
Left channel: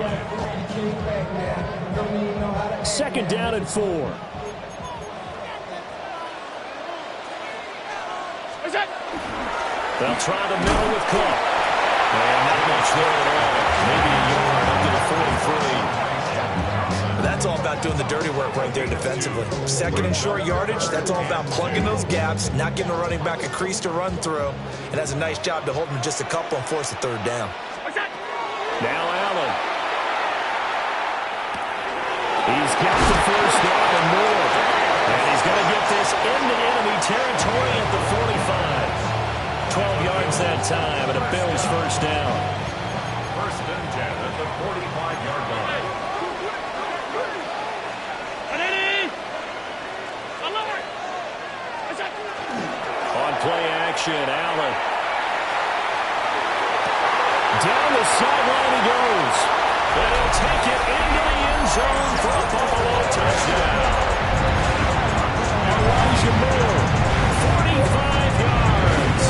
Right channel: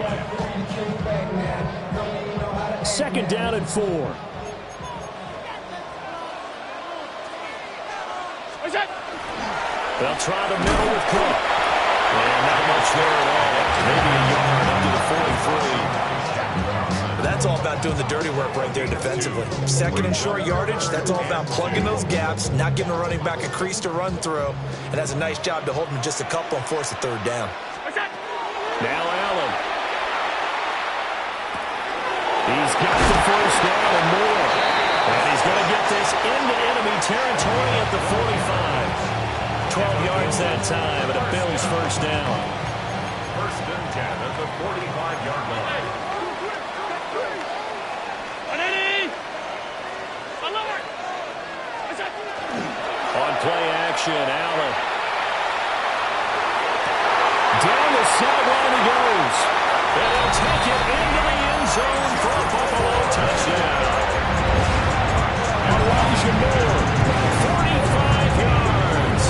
2nd down and 4. They'll try the middle with Cook. And not much there at all. Maybe a yard up to the 43. That's all about doing the dirty work right there defensively. 2nd and short yardage, that's all about plugging those gaps, not giving a running back a crease to run through. And that's a nice job to hold him just a couple and force a 3rd down. Now Allen. He's got the 1st down and more. And he's going to get this into enemy territory at the 45. 12 yards that time, and a Bills 1st down. 1st and 10 at the 45-yard line. On play action, Allen. Down the sideline he goes. And he'll take it into the end zone for a Buffalo touchdown. Elijah Moore, 45 yards.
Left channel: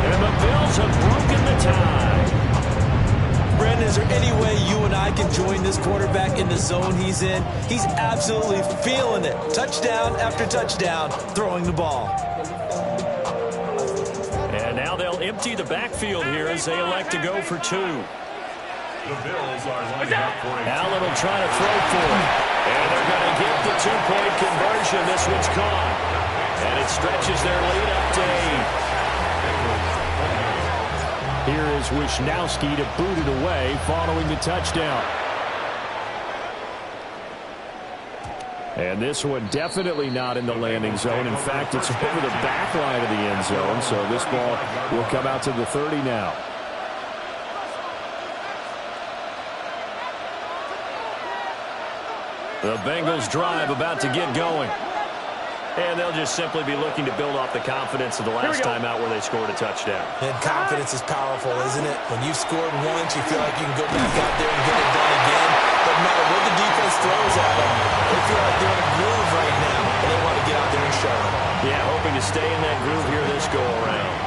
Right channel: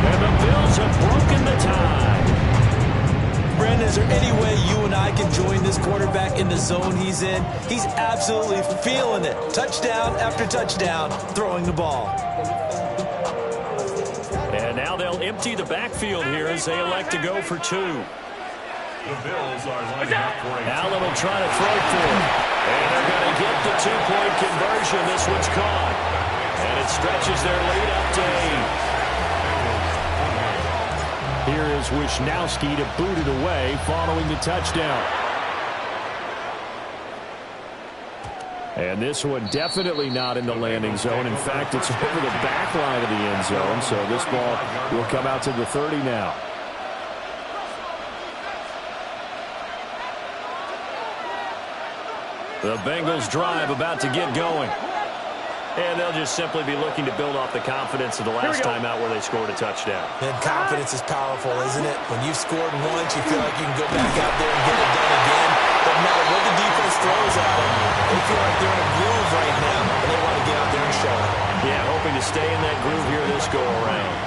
And the Bills have broken the tie. Brandon, is there any way you and I can join this quarterback in the zone he's in? He's absolutely feeling it. Touchdown after touchdown, throwing the ball. And now they'll empty the backfield here as they elect to go for two. The Bills are lining up for a Allen will try to throw for it. And they're going to get the two-point conversion. This one's caught. And it stretches their lead up to 8. Here is Wisnowski to boot it away following the touchdown. And this one definitely not in the landing zone. In fact, it's over the back line of the end zone. So this ball will come out to the 30 now. The Bengals drive about to get going. And they'll just simply be looking to build off the confidence of the last time out where they scored a touchdown. And confidence is powerful, isn't it? When you've scored once, you feel like you can go back out there and get it done again. Doesn't matter what the defense throws at them. They feel like they're in a groove right now, and they want to get out there and show it. Yeah, hoping to stay in that groove here this go-around.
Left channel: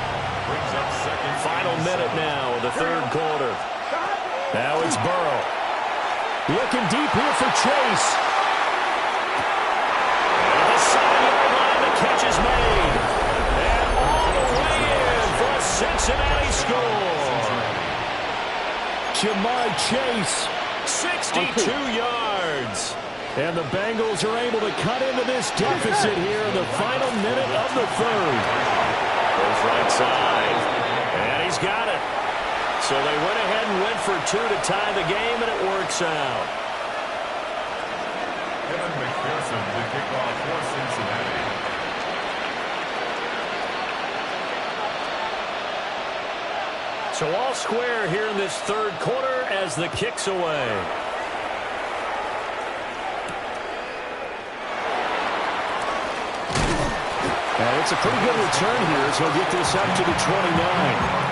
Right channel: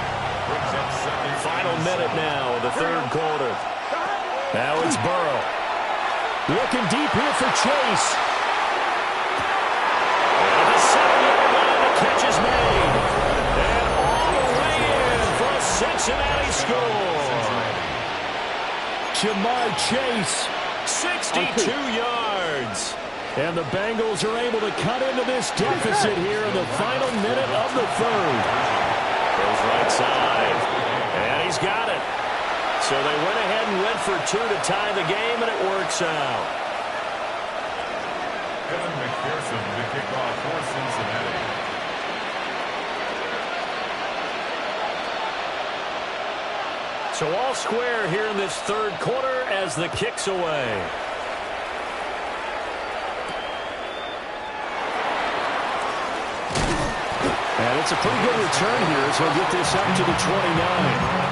Final minute now of the third quarter. Now it's Burrow. Looking deep here for Chase. And at the 7-yard line, the catch is made. And all the way in for a Cincinnati score. Jamar Chase. 62 yards. And the Bengals are able to cut into this deficit here in the final minute of the third. Goes right side. And he's got it. So they went ahead and went for two to tie the game, and it works out. Kevin McPherson to kick off for Cincinnati. So all square here in this third quarter as the kick's away. And it's a pretty good return here as he'll get this up to the 29.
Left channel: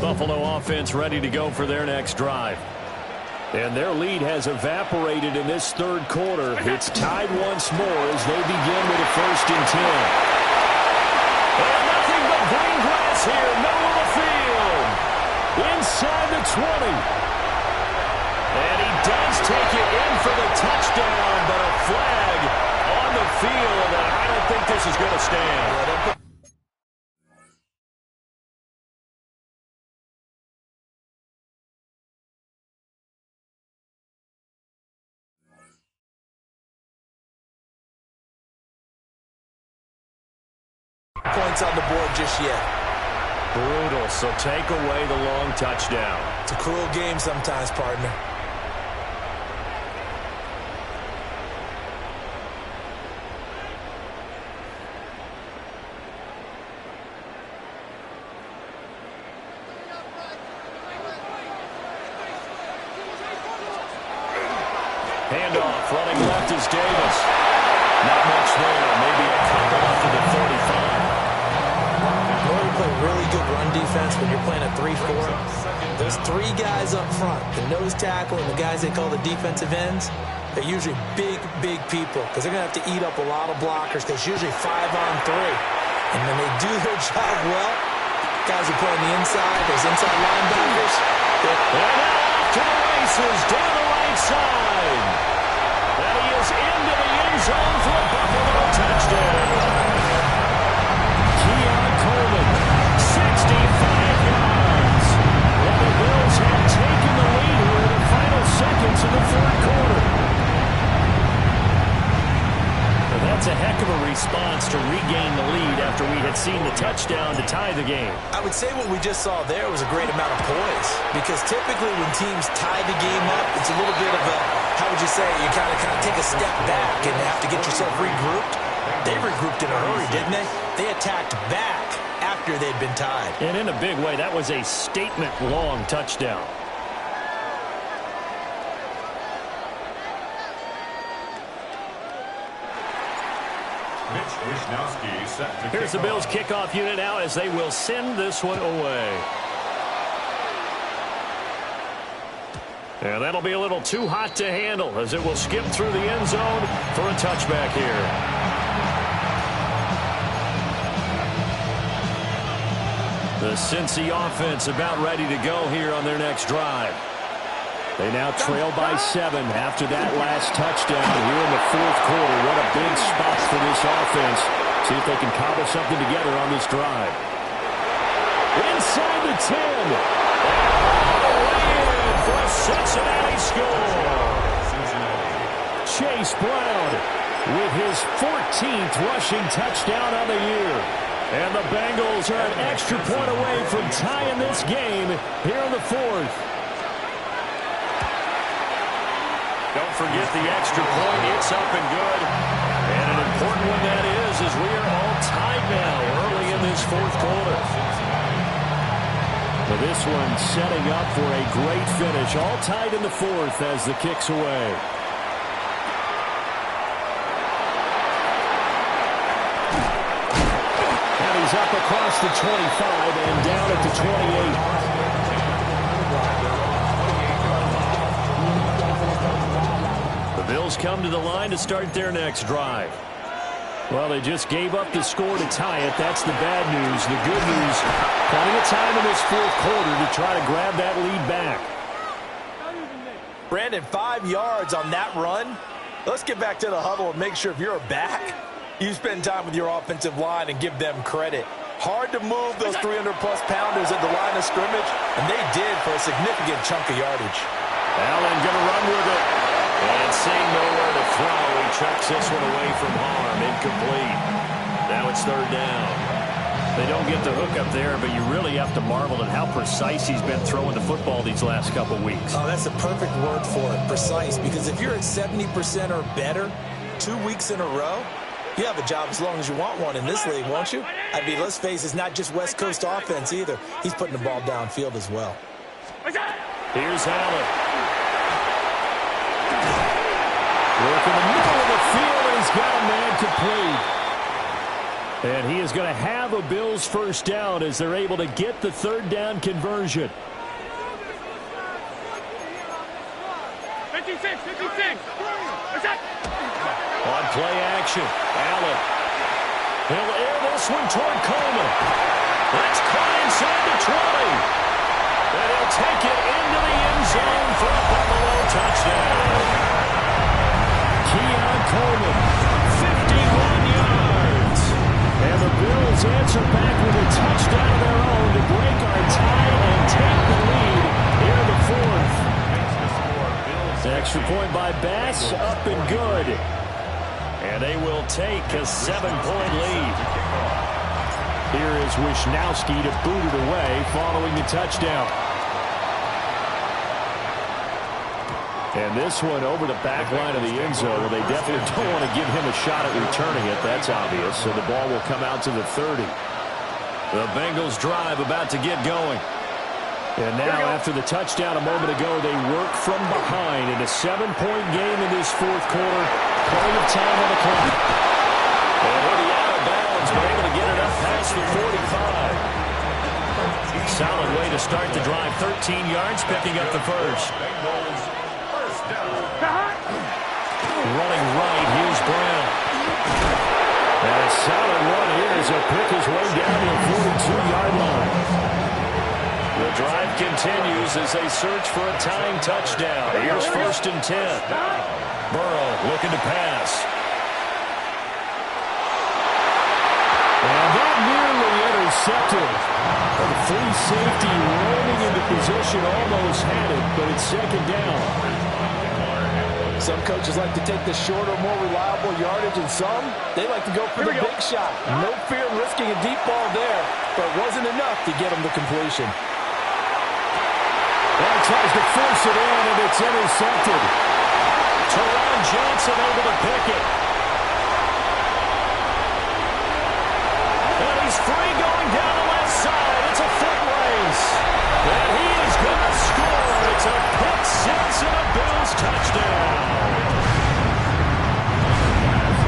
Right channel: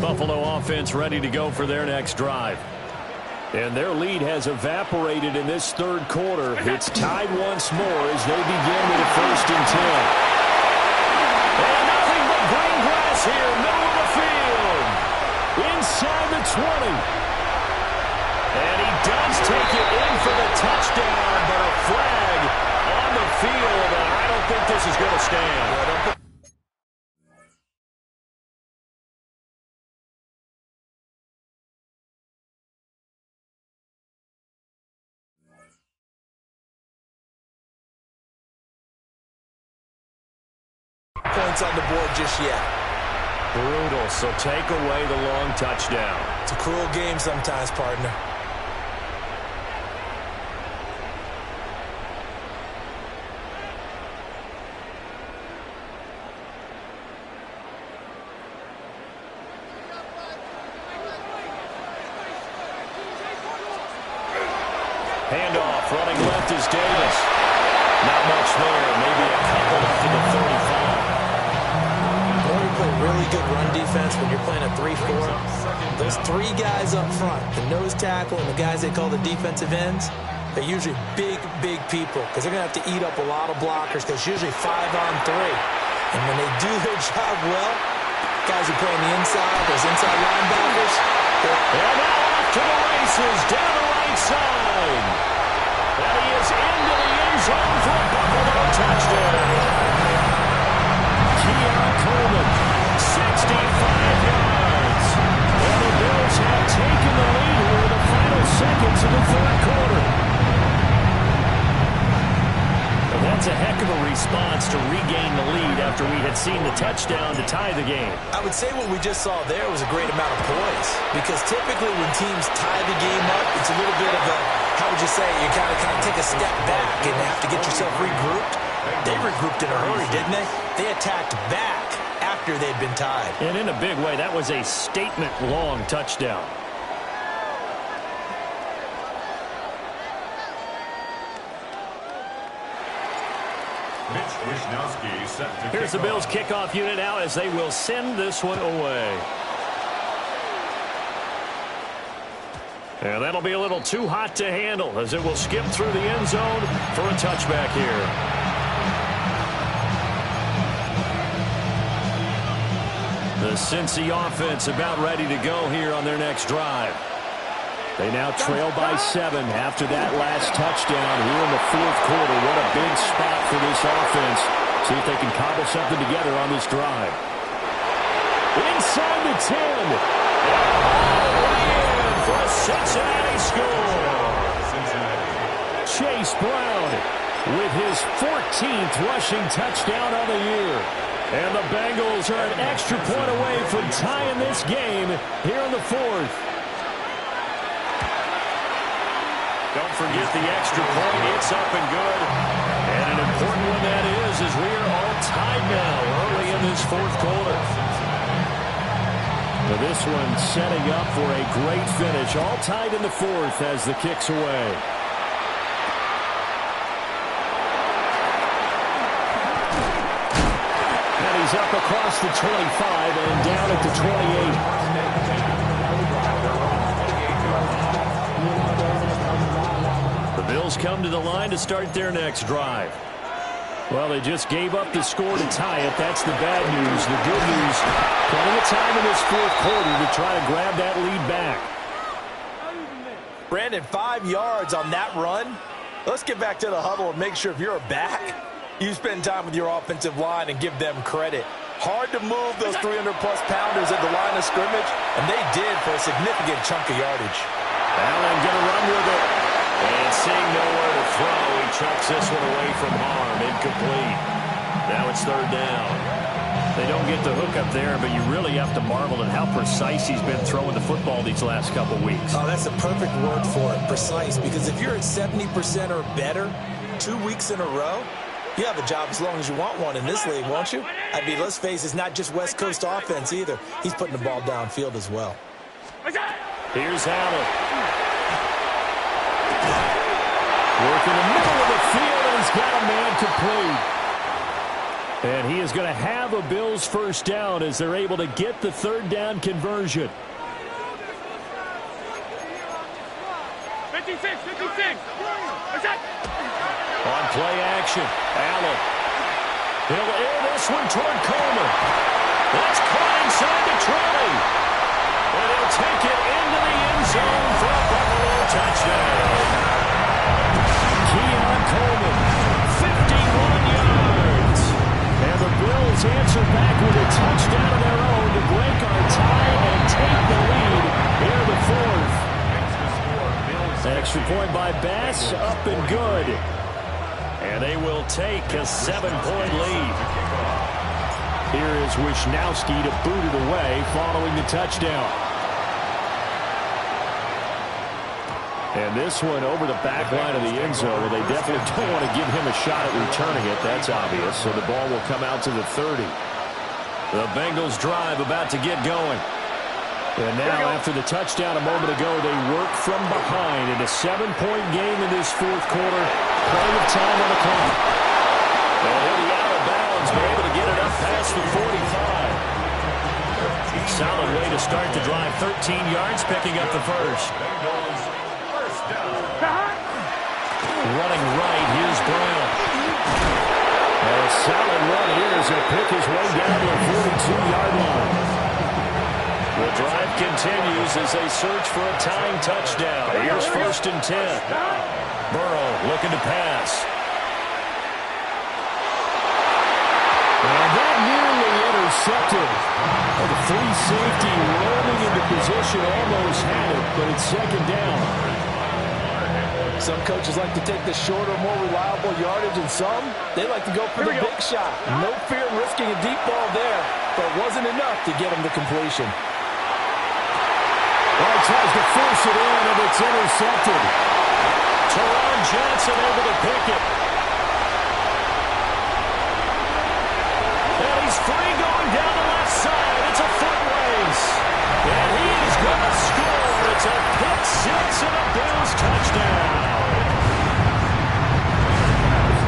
Buffalo offense ready to go for their next drive. And their lead has evaporated in this third quarter. It's tied once more as they begin with a 1st and 10. And nothing but green grass here, middle of the field. Inside the 20. And he does take it in for the touchdown, but a flag on the field, and I don't think this is going to stand. Points on the board just yet. Brutal, so take away the long touchdown. It's a cruel game sometimes, partner. Handoff, running left is Davis. Not much there, maybe a couple up to the 35. In order to play really good run defense when you're playing a 3-4, those three guys up front, the nose tackle and the guys they call the defensive ends, they're usually big, big people because they're going to have to eat up a lot of blockers because it's usually 5-on-3. And when they do their job well, guys who play on the inside, those inside linebackers. And now off to the races, down the right side. And he is into the end zone for a Buffalo touchdown. Keon Coleman, 65 yards. And the Bills have taken the lead here in the final seconds of the third quarter. Well, that's a heck of a response to regain the lead after we had seen the touchdown to tie the game. I would say what we just saw there was a great amount of poise because typically when teams tie the game up, it's a little bit of a, how would you say, you kind of take a step back and have to get yourself regrouped. They regrouped in a hurry, didn't they? They attacked back after they'd been tied. And in a big way, that was a statement-long touchdown. Here's the Bills kickoff unit now as they will send this one away. And that'll be a little too hot to handle as it will skip through the end zone for a touchback here. The Cincy offense about ready to go here on their next drive. They now trail by 7 after that last touchdown here in the fourth quarter. What a big spot for this offense. See if they can cobble something together on this drive. Inside the 10. And all the way in for a Cincinnati score. Chase Brown with his 14th rushing touchdown on the year. And the Bengals are an extra point away from tying this game here in the fourth. Don't forget the extra point. It's up and good. And an important one that is as we are all tied now early in this fourth quarter. But this one setting up for a great finish. All tied in the fourth as the kick's away. And he's up across the 25 and down at the 28. The Bills come to the line to start their next drive. Well, they just gave up the score to tie it. That's the bad news. The good news, plenty of time in this fourth quarter to try to grab that lead back. Brandon, 5 yards on that run. Let's get back to the huddle and make sure if you're a back, you spend time with your offensive line and give them credit. Hard to move those 300-plus pounders at the line of scrimmage, and they did for a significant chunk of yardage. Allen going to run with it. And seeing nowhere to throw, he chucks this one away from harm. Incomplete. Now it's third down. They don't get the hook up there, but you really have to marvel at how precise he's been throwing the football these last couple weeks. Oh, that's the perfect word for it, precise. Because if you're at 70% or better 2 weeks in a row, you have a job as long as you want one in this league, won't you? I mean, let's face it, it's not just West Coast offense either. He's putting the ball downfield as well. Here's Allen. Work in the middle of the field, and he's got a man complete. And he is going to have a Bills first down as they're able to get the third down conversion. 56. On play action, Allen. He'll air this one toward Coleman. That's caught inside the 20. And he'll take it into the end zone for a Buffalo touchdown. Keon Coleman, 51 yards. And the Bills answer back with a touchdown of their own to break our tie and take the lead here in the fourth. Extra point by Bass, up and good. And they will take a 7-point lead. Here is Wisnowski to boot it away following the touchdown. And this one over the back line of the end zone. Well, they definitely don't want to give him a shot at returning it. That's obvious. So the ball will come out to the 30. The Bengals drive about to get going. And now after the touchdown a moment ago, they work from behind in a 7-point game in this fourth quarter. Plenty of time on the clock. And he'll be out of bounds, but able to get it up past the 45. Solid way to start the drive. 13 yards, picking up the first. Running right, here's Brown. And a solid run here as he'll pick his way down to the 42-yard line. The drive continues as they search for a tying touchdown. Here's 1st and 10. Burrow looking to pass. And that nearly intercepted. Well, the free safety roaming into position almost had it, but it's second down. Some coaches like to take the shorter, more reliable yardage, and some, they like to go for the big shot. No fear in risking a deep ball there, but it wasn't enough to get him the completion. Well, he tries to force it in, and it's intercepted. Teron Johnson able to pick it. is free going down the left side. It's a foot race. And he is going to score. It's a pick six and a Bills touchdown.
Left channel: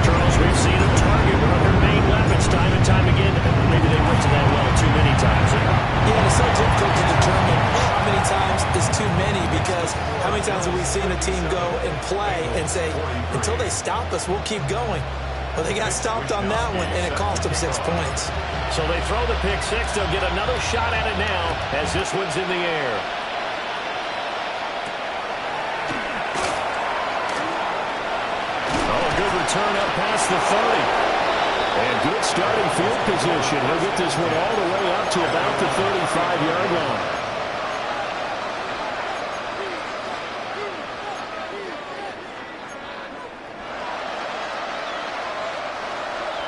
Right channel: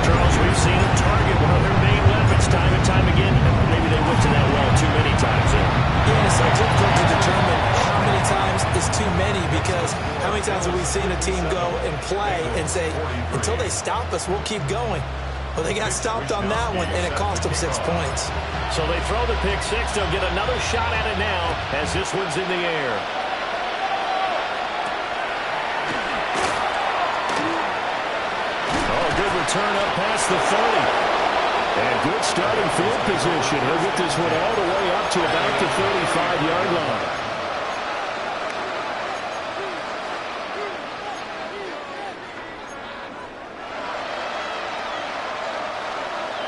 Charles, we've seen him target one of their main weapons time and time again. Maybe they went to that well too many times there. Yeah, and it's so difficult to determine how many times is too many, because how many times have we seen a team go and play and say, until they stop us, we'll keep going. Well, they got stopped on that one, and it cost them 6 points. So they throw the pick six. They'll get another shot at it now as this one's in the air. Oh, good return up past the 30. And good starting field position. He'll get this one all the way up to about the 35-yard line.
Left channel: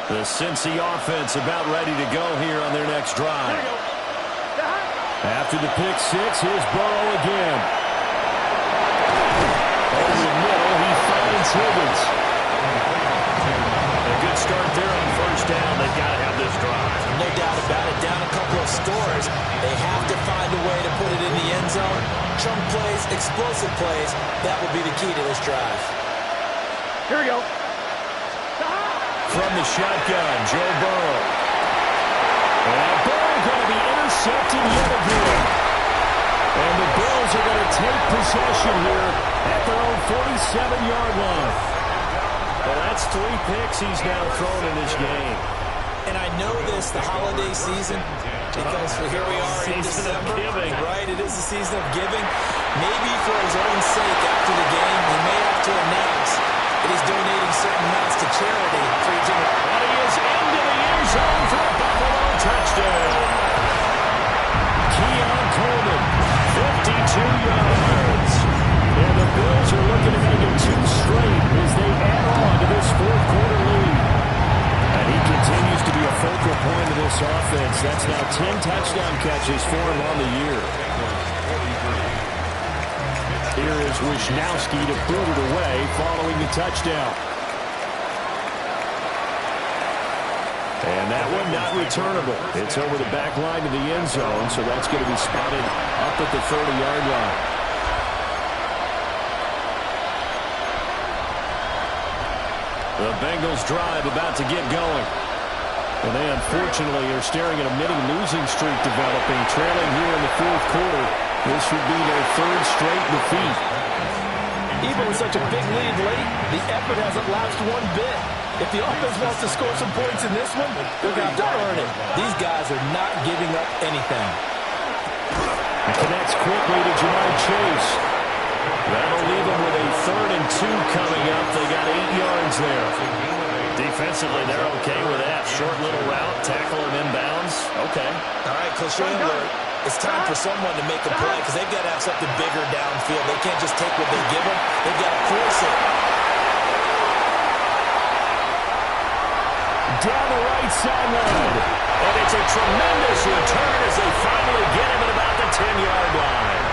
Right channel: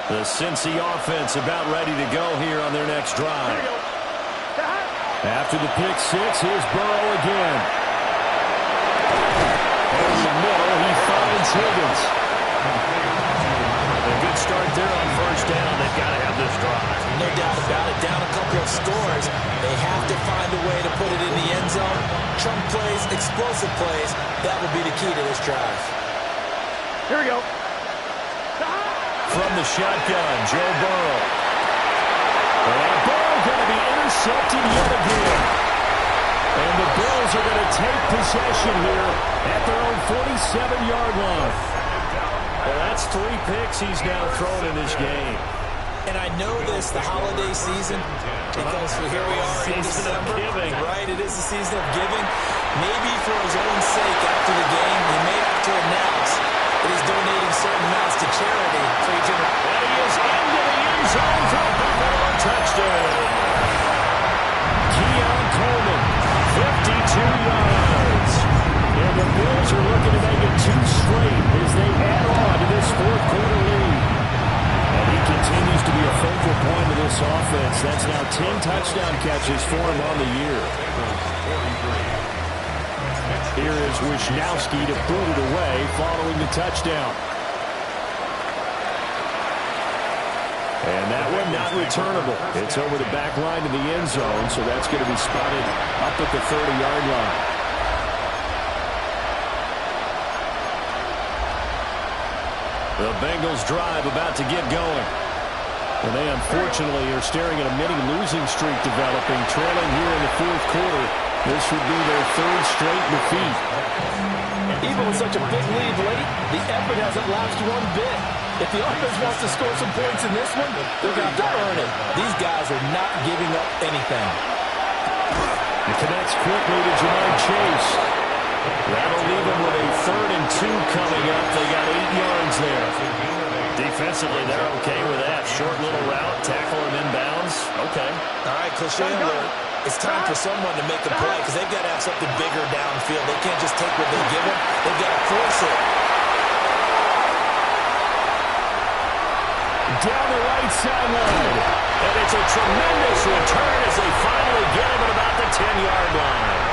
The Cincy offense about ready to go here on their next drive. After the pick six, here's Burrow again. Over the middle, he finds Higgins. A good start there on first down. They've got to have this drive. No doubt about it. Down a couple of scores. They have to find a way to put it in the end zone. Chunk plays, explosive plays. That will be the key to this drive. Here we go. From the shotgun, Joe Burrow. And Burrow going to be intercepted yet again. And the Bills are going to take possession here at their own 47-yard line. Well, that's 3 picks he's now thrown in this game. And I know this, the holiday season, because here we are in December. Right, it is the season of giving. Maybe for his own sake after the game, he may have to announce that he's donating certain amounts to charity for each other. And he is into the end zone for a Buffalo touchdown. Keon Coleman, 52 yards. And the Bills are looking to make it 2 straight as they add on to this fourth-quarter lead. And he continues to be a focal point of this offense. That's now 10 touchdown catches for him on the year. Here is Wisnowski to boot it away following the touchdown. And that one not returnable. It's over the back line to the end zone, so that's going to be spotted up at the 30-yard line. The Bengals drive about to get going. And they unfortunately are staring at a mini losing streak developing, trailing here in the fourth quarter. This would be their 3rd straight defeat. Even with such a big lead late, the effort hasn't lapsed one bit. If the offense wants to score some points in this one, they're going to have to earn it. These guys are not giving up anything. It connects quickly to Jamar Chase. That'll leave them with a 3rd and 2 coming up. They got 8 yards there. Defensively, they're okay with that. Short little route, tackle him inbounds. Okay. All right, cliche alert. It's time for someone to make a play because they've got to have something bigger downfield. They can't just take what they give them. They've got to force it. Down the right sideline. And it's a tremendous return as they finally get him at about the 10-yard line.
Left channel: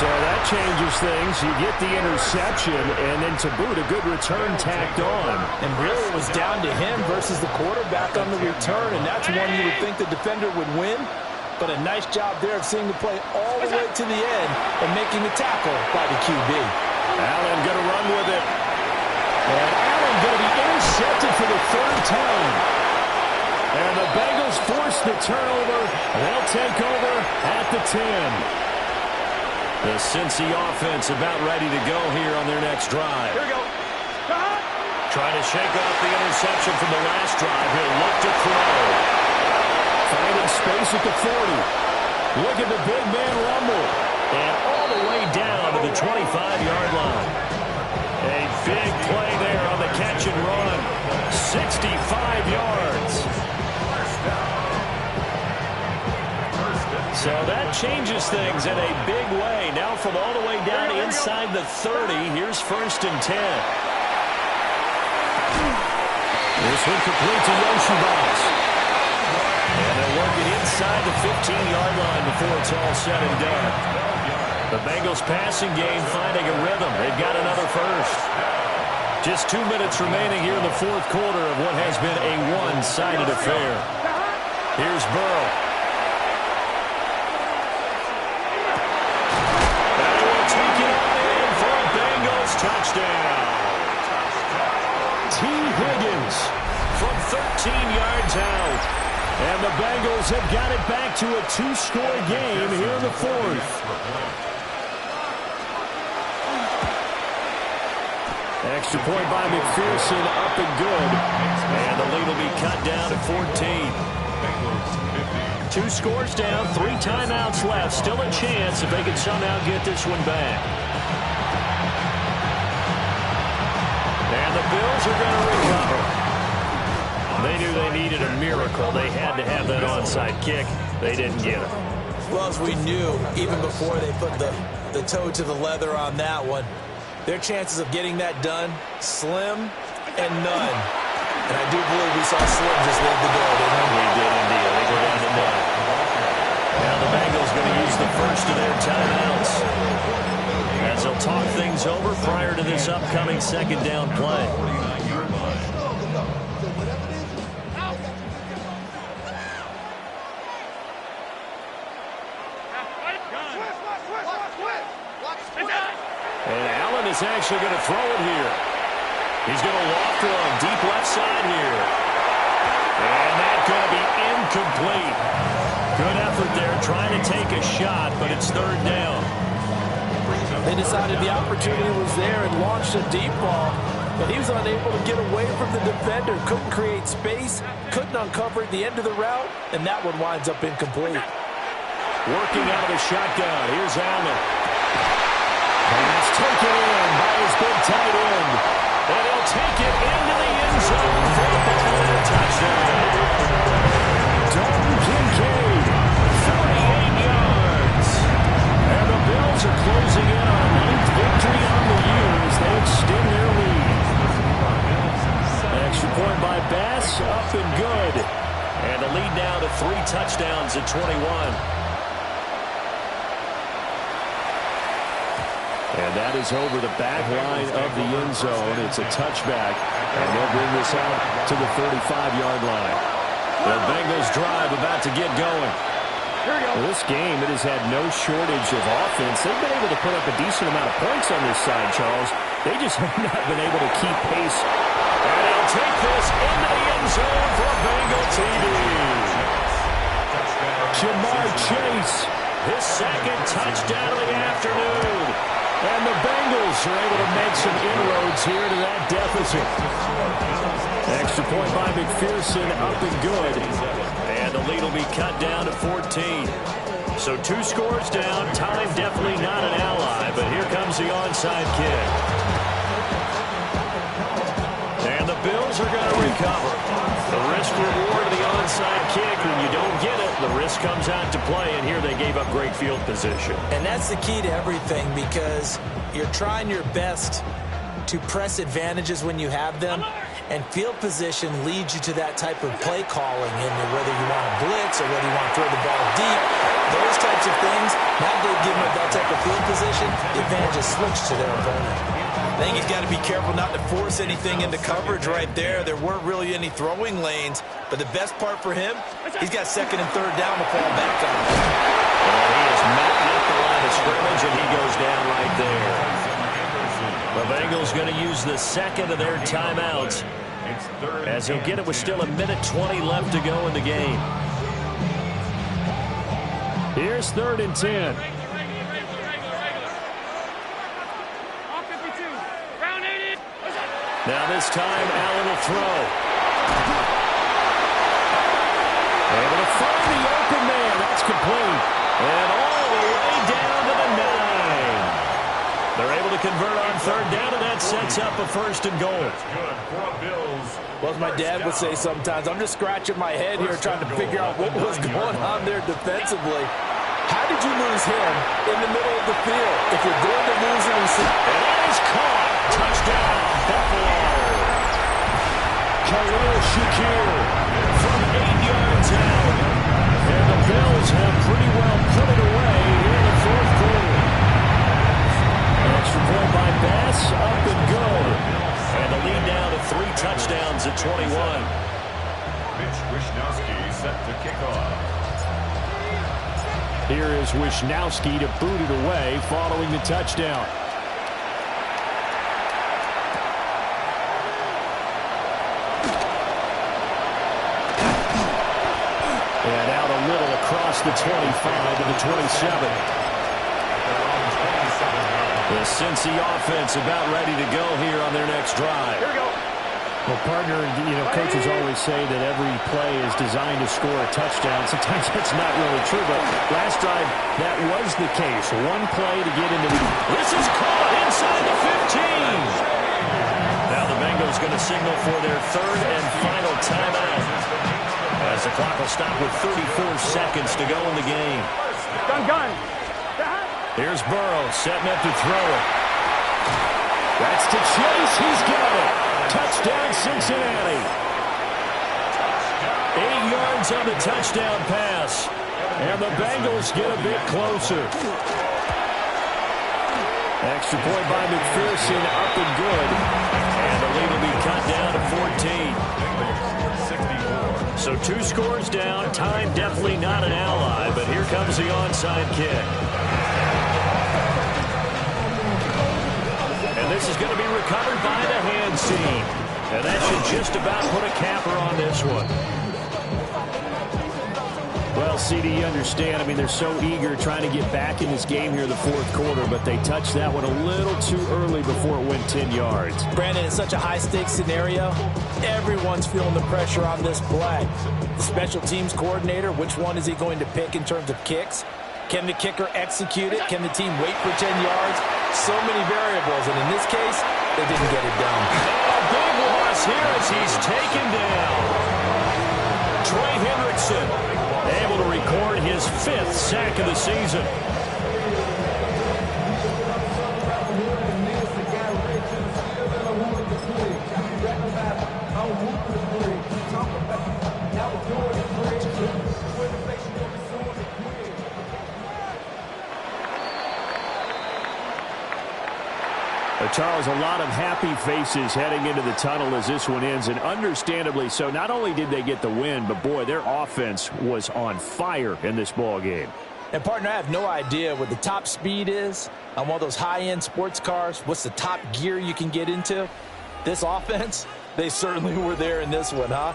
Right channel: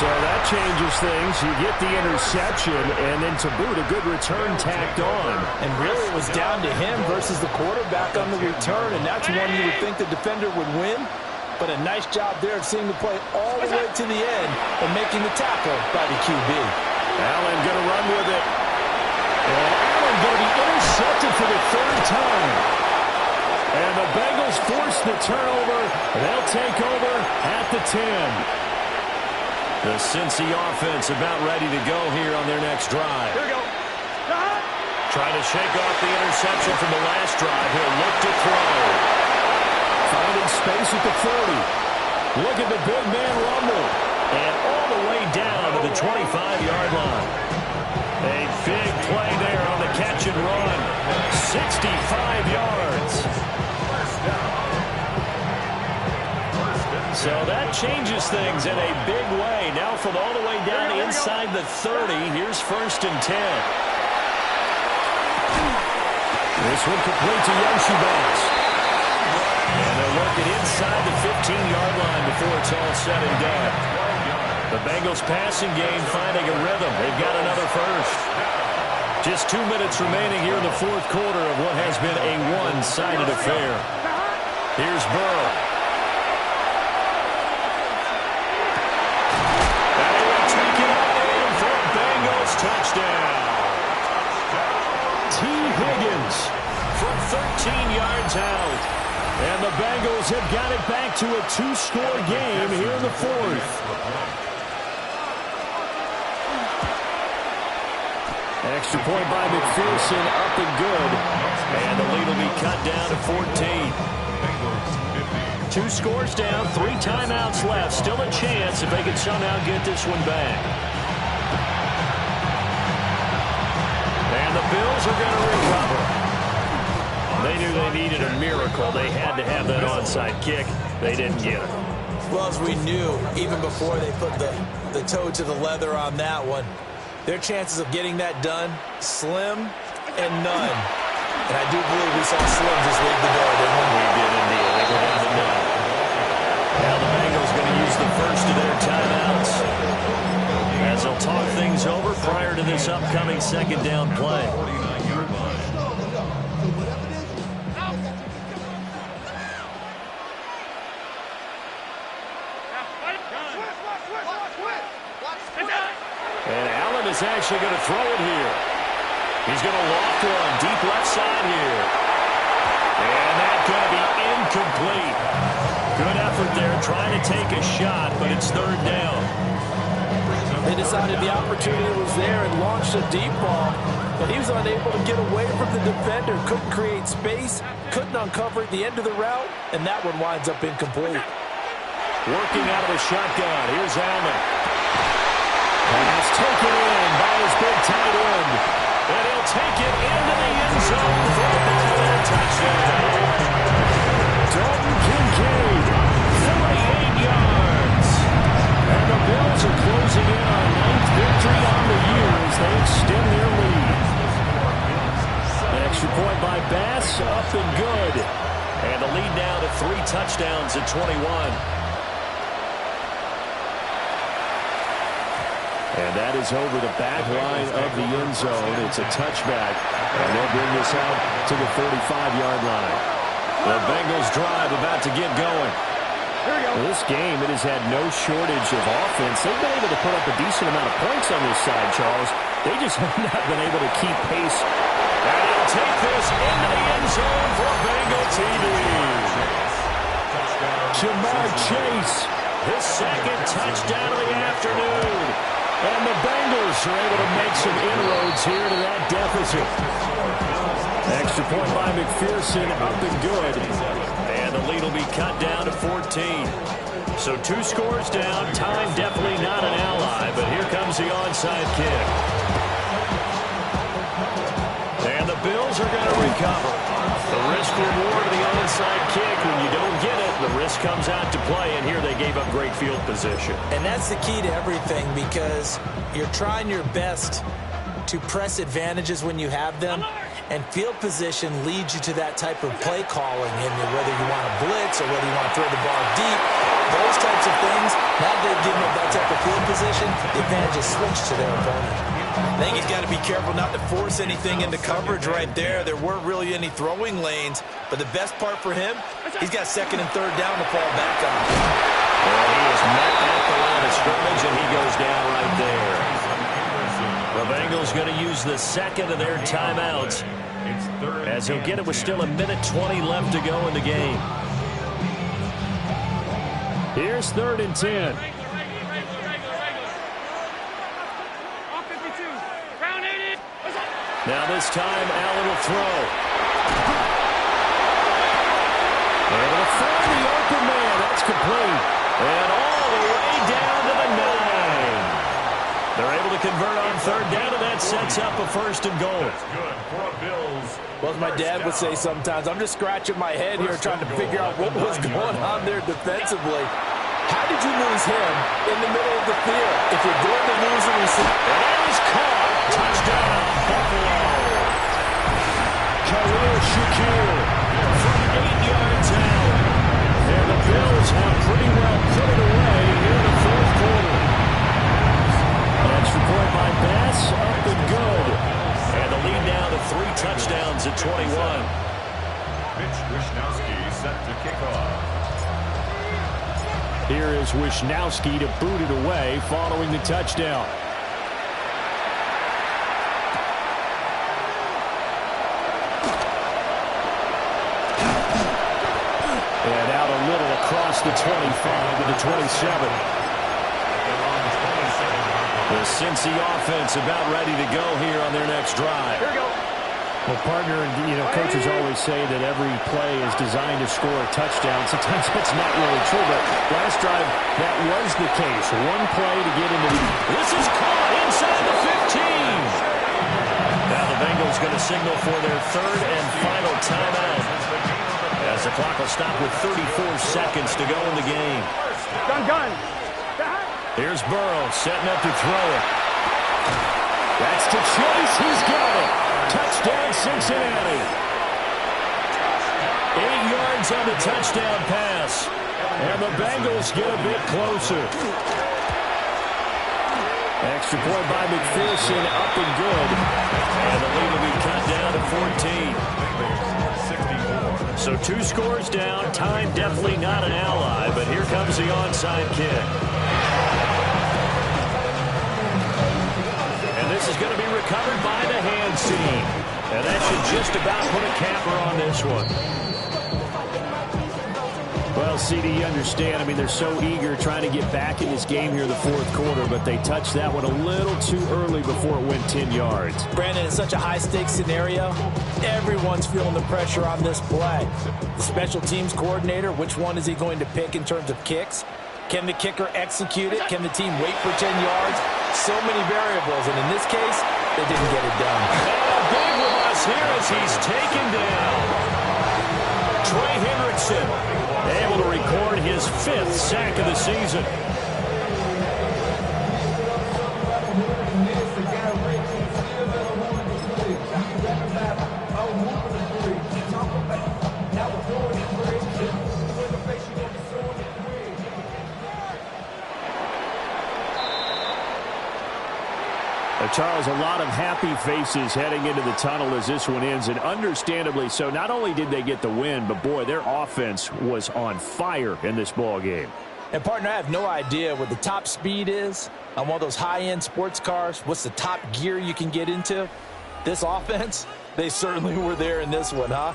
So that changes things. You get the interception, and then to boot, a good return tacked on. And really it was down to him versus the quarterback on the return, and that's one you would think the defender would win. But a nice job there of seeing the play all the way to the end and making the tackle by the QB. Allen going to run with it. And Allen going to be intercepted for the 3rd time. And the Bengals force the turnover. They'll take over at the 10. The Cincy offense about ready to go here on their next drive. Here we go. Trying to shake off the interception from the last drive. He'll look to throw. Finding space at the 40. Look at the big man rumble. And all the way down to the 25-yard line. A big play there on the catch and run. 65 yards. So that changes things in a big way. Now from all the way down to inside the 30, here's 1st and 10. This one complete to Yoshibas. And they'll work it inside the 15-yard line before it's all said and done. The Bengals passing game finding a rhythm. They've got another first. Just 2 minutes remaining here in the fourth quarter of what has been a one-sided affair. Here's Burrow. And he will take it on in for a Bengals touchdown. T. Higgins from 13 yards out. And the Bengals have got it back to a two-score game here in the fourth. Extra point by McPherson, up and good. And the lead will be cut down to 14. 2 scores down, 3 timeouts left. Still a chance if they can somehow get this one back. And the Bills are going to recover. They knew they needed a miracle. They had to have that onside kick. They didn't get it. Well, as we knew, even before they put the toe to the leather on that one, their chances of getting that done, slim and none. And I do believe we saw Slim just leave the door, didn't we? We did indeed. I think we're down to none. Now the Bengals going to use the first of their timeouts as they'll talk things over prior to this upcoming second down play. And Allen is actually going to throw it here. He's going to loft one deep left side here. And that's going to be incomplete. Good effort there trying to take a shot, but it's third down. They decided the opportunity was there and launched a deep ball, but he was unable to get away from the defender. Couldn't create space, couldn't uncover at the end of the route, and that one winds up incomplete. Working out of the shotgun. Here's Allen. Pass taken in by his big tight end. And he'll take it into the end zone for a ball and a touchdown. Dalton Kincaid, 48 yards. And the Bills are closing in on a 9th victory on the year as they extend their lead. Extra point by Bass, up and good. And the lead now to 3 touchdowns at 21. And that is over the back line of the end zone. It's a touchback, and they'll bring this out to the 35-yard line. The Bengals drive about to get going. Well, this game, it has had no shortage of offense. They've been able to put up a decent amount of points on this side, Charles. They just have not been able to keep pace. And he'll take this into the end zone for a Bengal TD. Jamar Chase, his second touchdown of the afternoon. And the Bengals are able to make some inroads here to that deficit. Extra point by McPherson, up and good. And the lead will be cut down to 14. So 2 scores down. Time definitely not an ally, but here comes the onside kick. And the Bills are going to recover. The risk reward of the onside kick, when you don't get it, the risk comes out to play, and here they gave up great field position. And that's the key to everything, because you're trying your best to press advantages when you have them, and field position leads you to that type of play calling, and whether you want to blitz or whether you want to throw the ball deep, those types of things, now they've given up that type of field position, the advantage is switched to their opponent. I think he's got to be careful not to force anything into coverage right there. There weren't really any throwing lanes, but the best part for him, he's got second and third down to fall back on. And he is met at the line of scrimmage, and he goes down right there. The Bengals going to use the second of their timeouts, as he'll get it with still 1:20 left to go in the game. Here's 3rd and 10. Now this time, Allen will throw. Able to find the open man. That's complete. And all the way down to the 9. They're able to convert on third down, and that sets up a 1st and goal. That's good for a Bills. Well, as my dad would say sometimes, I'm just scratching my head here trying to figure out what was going on there defensively. How did you lose him in the middle of the field? If you're going to lose a receiver. And it is caught. Touchdown, Buffalo. Khalil Shakir from 8 yards out. And the Bills have pretty well put it away here in the 4th quarter. Extra point by Bass, up and good. And the lead now to 3 touchdowns at 21. Mitch Wishnowsky set to kick off. Here is Wishnowsky to boot it away following the touchdown. And out a little across the 25 to the 27. The Cincy offense about ready to go here on their next drive. Here we go. Well, partner, coaches always say that every play is designed to score a touchdown. Sometimes that's not really true, but last drive, that was the case. One play to get into the... This is caught inside the 15. Now the Bengals going to signal for their third and final timeout, as the clock will stop with 34 seconds to go in the game. Gun. Here's Burrow setting up to throw it. That's to Chase. He's got it. Touchdown, Cincinnati. 8 yards on the touchdown pass. And the Bengals get a bit closer. Extra point by McPherson, up and good. And the lead will be cut down to 14. So 2 scores down. Time definitely not an ally, but here comes the onside kick. And this is going to be recovered by the hands team. And that should just about put a capper on this one. Well, CD, you understand. I mean, they're so eager trying to get back in this game here in the fourth quarter, but they touched that one a little too early before it went 10 yards. Brandon, it's such a high-stakes scenario. Everyone's feeling the pressure on this play. The special teams coordinator, which one is he going to pick in terms of kicks? Can the kicker execute it? Can the team wait for 10 yards? So many variables, and in this case, they didn't get it done. And a big loss here as he's taken down. Trey Hendrickson able to record his 5th sack of the season. Charles, a lot of happy faces heading into the tunnel as this one ends, and understandably so. Not only did they get the win, but boy, their offense was on fire in this ball game. And partner, I have no idea what the top speed is on one of those high-end sports cars. What's the top gear you can get into? This offense, they certainly were there in this one, huh?